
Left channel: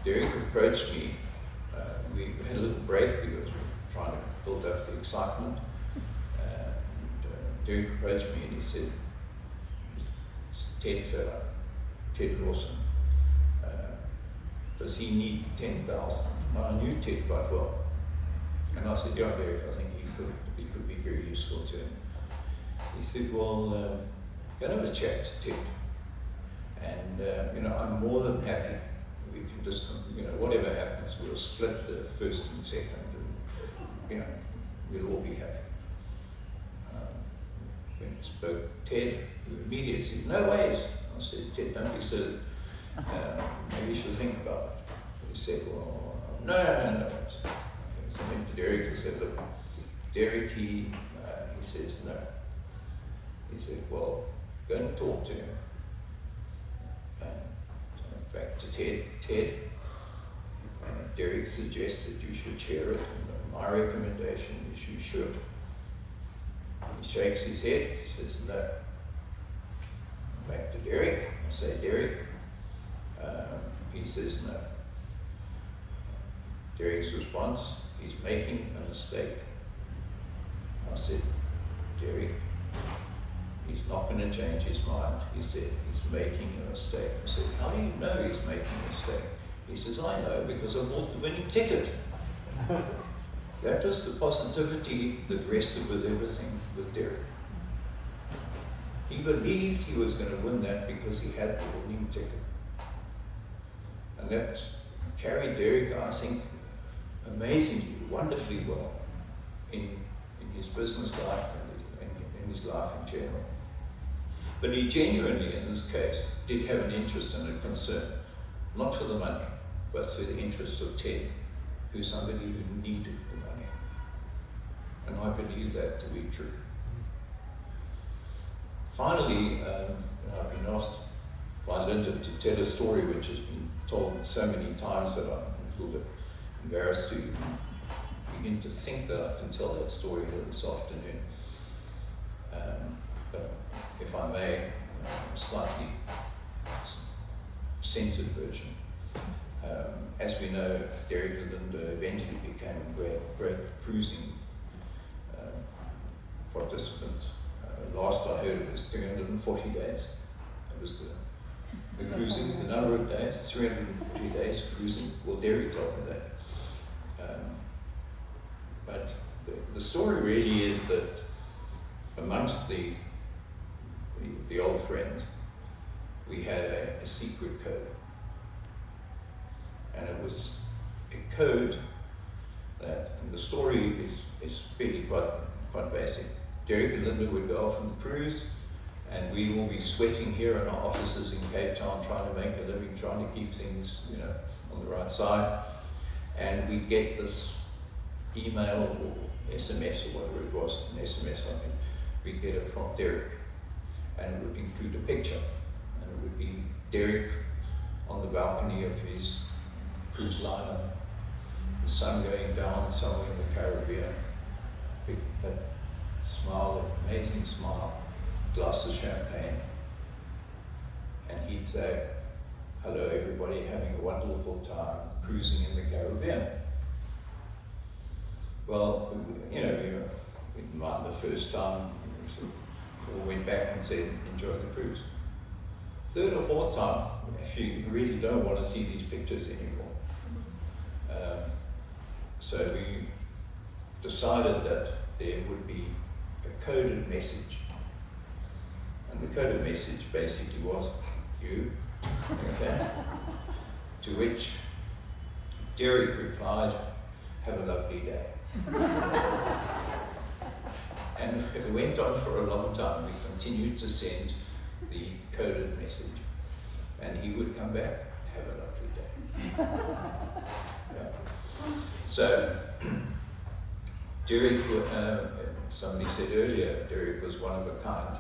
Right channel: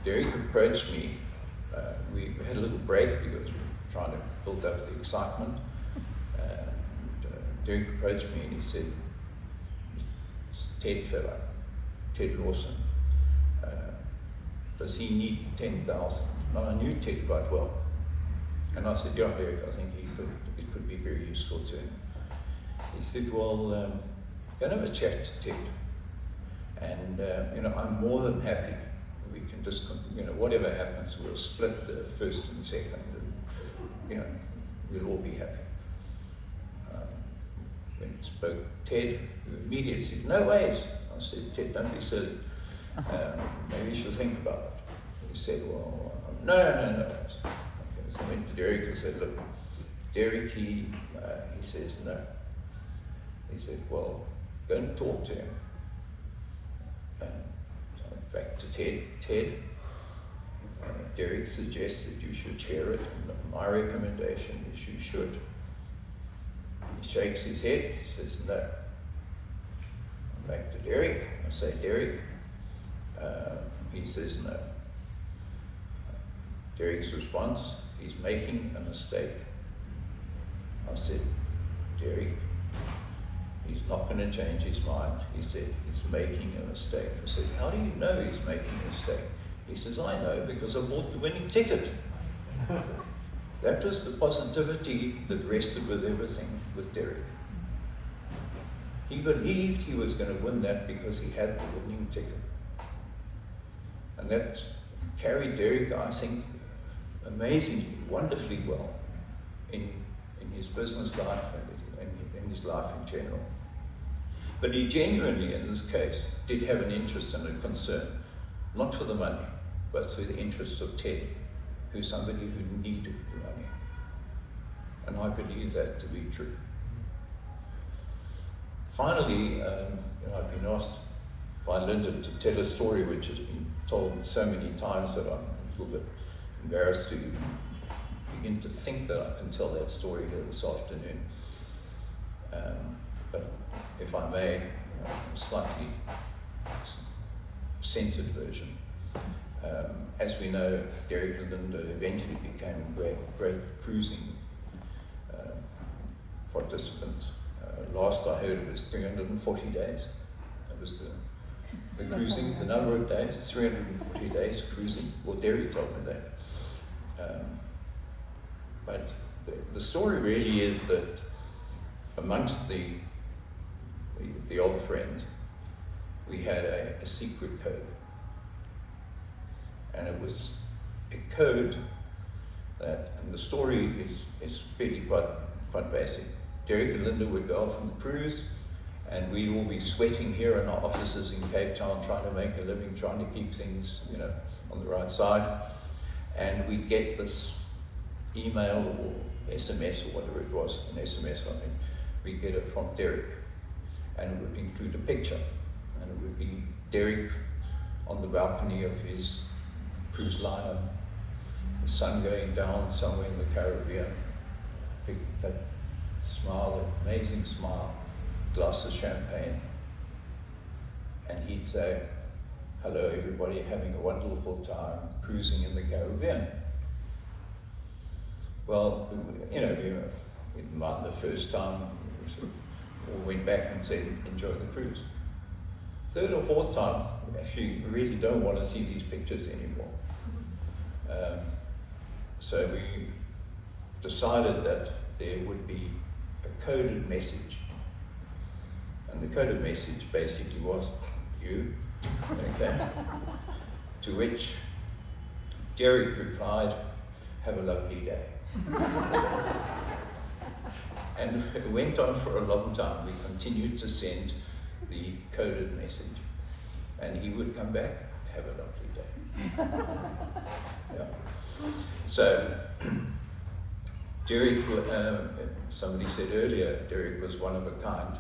Derek approached me. We had a little break because we were trying to build up the excitement. Derek approached me and he said, Ted fella, Ted Lawson, does he need 10,000? Now, I knew Ted quite well. And I said, yeah, Derek, I think he could be very useful to him. He said, well, go and have a chat to Ted. And, I'm more than happy. We can just, whatever happens, we'll split the first and second. And, we'll all be happy. When I spoke to Ted, he immediately said, no ways. I said, Ted, don't be silly. Maybe you should think about it. He said, well, no. So I went to Derek and said, look, Derek, he says no. He said, well, go and talk to him. So I went back to Ted. Derek suggested you should share it. And my recommendation is you should. He shakes his head. He says, no. Back to Derek. I say, Derek. He says, no. Derek's response, he's making a mistake. I said, Derek, he's not going to change his mind. He said, he's making a mistake. I said, how do you know he's making a mistake? He says, I know because I bought the winning ticket. That was the positivity that rested with everything with Derek. He believed he was going to win that because he had the winning ticket. And that carried Derek, I think, amazingly, wonderfully well in his business life and in his life in general. But he genuinely, in this case, did have an interest and a concern, not for the money, but for the interests of Ted, who's somebody who needed the money. And I believe that to be true. Finally, I've been asked by Linda to tell a story which has been told so many times that I'm a little bit embarrassed to begin to think that I can tell that story here this afternoon. But if I may, a slightly censored version. As we know, Derek and Linda eventually became great cruising participants. Last I heard it was 340 days. That was the cruising, the number of days, 340 days cruising. Well, Derek told me that. But the story really is that amongst the old friends, we had a secret code. And it was a code that, and the story is really quite basic. Derek and Linda would go off on the cruise, and we'd all be sweating here in our offices in Cape Town, trying to make a living, trying to keep things, on the right side. And we'd get this email or SMS or whatever it was, an SMS, I think. We'd get it from Derek, and it would include a picture, and it would be Derek on the balcony of his cruise liner, the sun going down somewhere in the Caribbean, that smile, that amazing smile, glass of champagne, and he'd say, hello everybody, having a wonderful time cruising in the Caribbean. Well, we mind the first time, we went back and said, enjoy the cruise. Third or fourth time, we really don't want to see these pictures anymore. So we decided that there would be a coded message. And the coded message basically was, you, okay? To which Derek replied, have a lovely day. And it went on for a long time. We continued to send the coded message. And he would come back, have a lovely day. Yeah. So, Derek, somebody said earlier, Derek was one of a kind.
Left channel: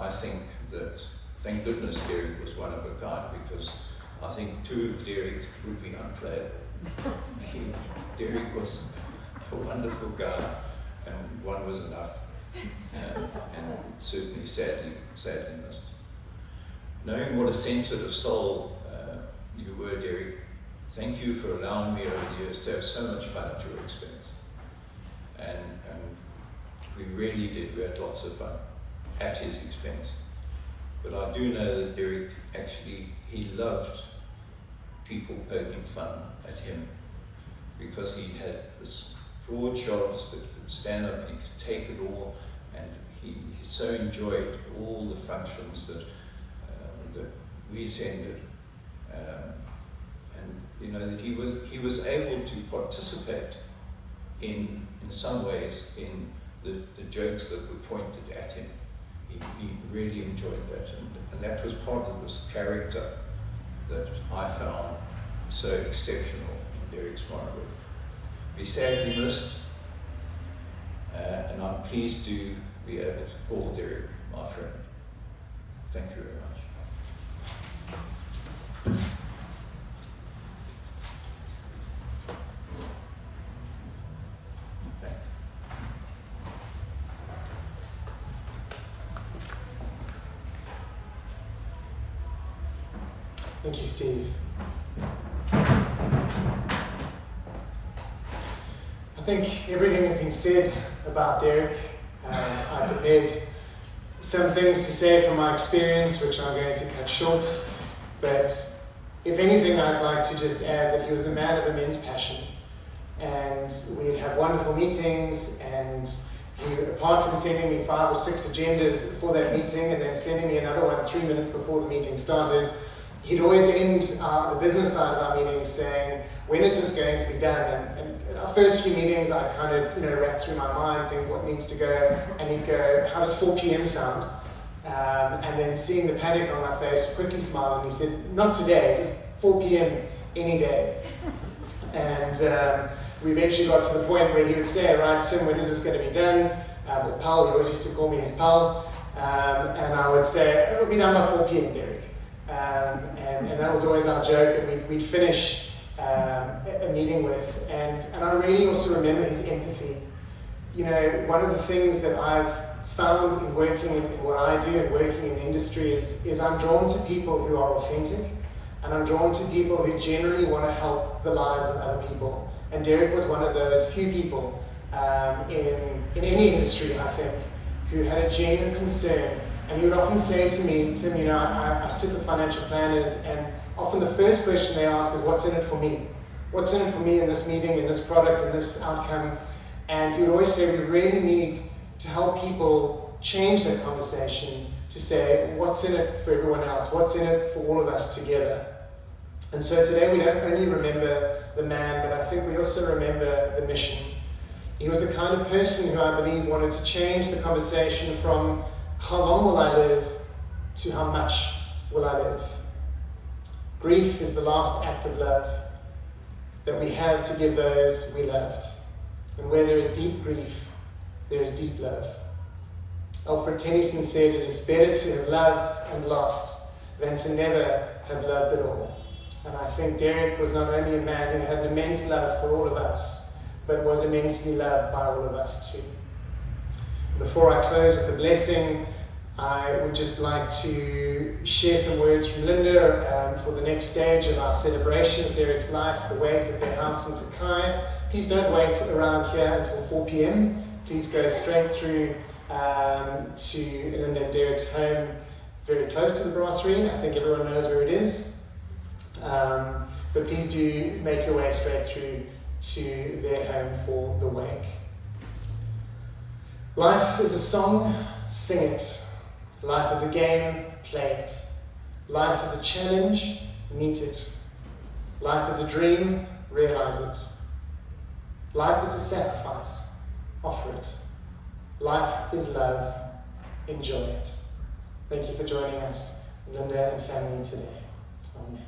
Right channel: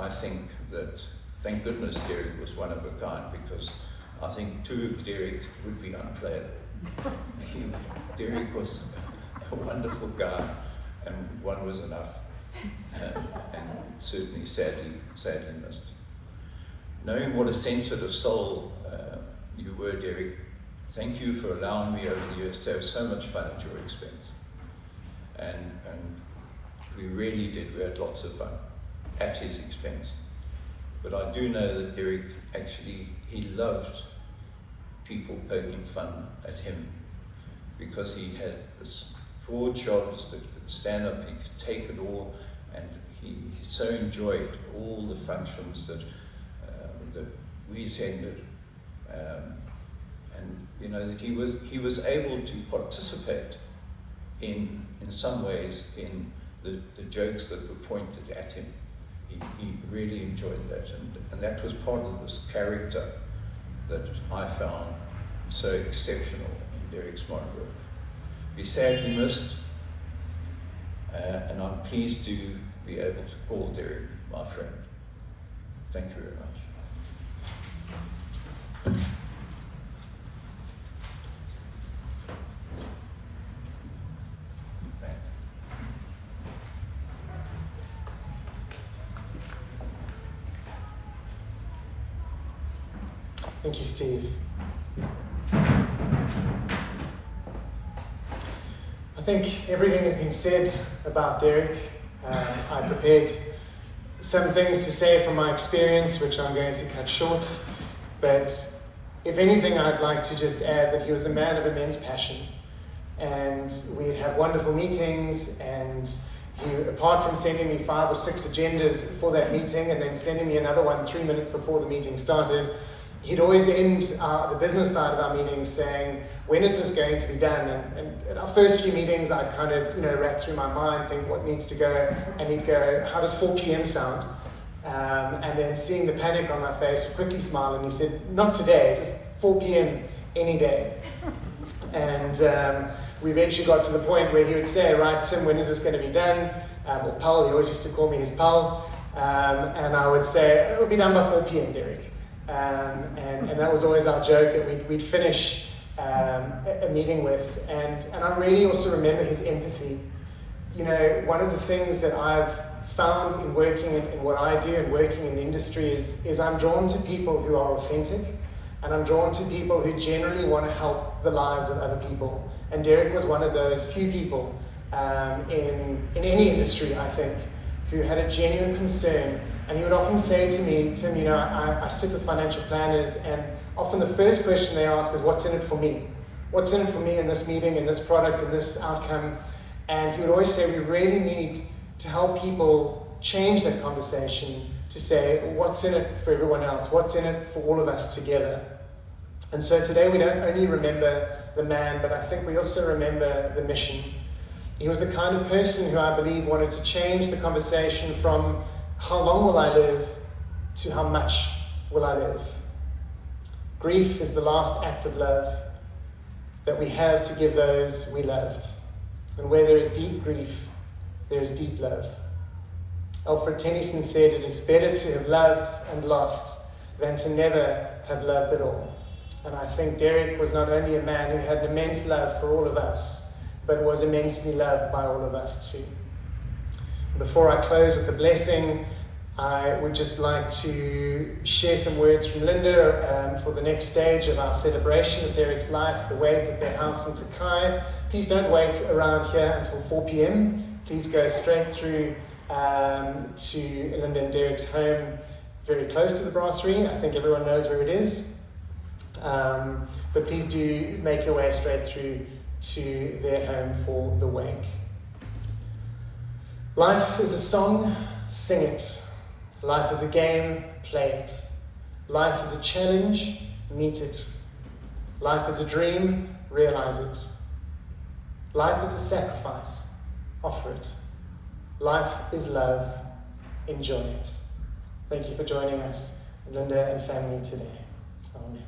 I think that, thank goodness Derek was one of a kind, because I think two of Derek's would be unplayable. Derek was a wonderful guy, and one was enough, and certainly sadly missed. Knowing what a sensitive soul you were, Derek, thank you for allowing me over the years to have so much fun at your expense. And we really did, we had lots of fun at his expense. But I do know that Derek actually, he loved people poking fun at him because he had this broad shoulders that could stand up, he could take it all, and he so enjoyed all the functions that we attended, and you know that he was able to participate in some ways in the jokes that were pointed at him. He really enjoyed that, and that was part of this character that I found so exceptional in Derek Smorenburg. He's sadly missed, and I'm pleased to be able to call Derek my friend. Thank you very much. Thank you, Steve. I think everything has been said about Derek. I prepared some things to say from my experience, which I'm going to cut short. But if anything, I'd like to just add that he was a man of immense passion. And we'd have wonderful meetings, and he, apart from sending me 5 or 6 agendas for that meeting and then sending me another one 3 minutes before the meeting started, he'd always end the business side of our meetings saying, when is this going to be done? And our first few meetings, I'd kind of, rack through my mind, think what needs to go, and he'd go, how does 4 p.m. sound? And then seeing the panic on my face, he'd quickly smile, and he said, not today, just 4 p.m. any day. And we eventually got to the point where he would say, right, Tim, when is this going to be done? Or Pal, he always used to call me his Pal. And I would say, it'll be done by 4 p.m., Derek. And that was always our joke that we'd finish a meeting with. And I really also remember his empathy. One of the things that I've found in working in what I do and working in the industry is I'm drawn to people who are authentic, and I'm drawn to people who generally want to help the lives of other people. And Derek was one of those few people in any industry, I think, who had a genuine concern. And he would often say to me, Tim, I sit with financial planners, and often the first question they ask is, what's in it for me? What's in it for me in this meeting, in this product, in this outcome? And he would always say, we really need to help people change that conversation to say, what's in it for everyone else? What's in it for all of us together? And so today we don't only remember the man, but I think we also remember the mission. He was the kind of person who I believe wanted to change the conversation from how long will I live to how much will I live. Grief is the last act of love that we have to give those we loved. And where there is deep grief, there is deep love. Alfred Tennyson said, it is better to have loved and lost than to never have loved at all. And I think Derek was not only a man who had immense love for all of us, but was immensely loved by all of us too. Before I close with a blessing, I would just like to share some words from Linda for the next stage of our celebration of Derek's life, the wake at their house in Takai. Please don't wait around here until 4 p.m. Please go straight through to Linda and Derek's home, very close to the brasserie. I think everyone knows where it is. But please do make your way straight through to their home for the wake. Life is a song, sing it. Life is a game, play it. Life is a challenge, meet it. Life is a dream, realize it. Life is a sacrifice, offer it. Life is love, enjoy it. Thank you for joining us, Linda and family, today. Amen.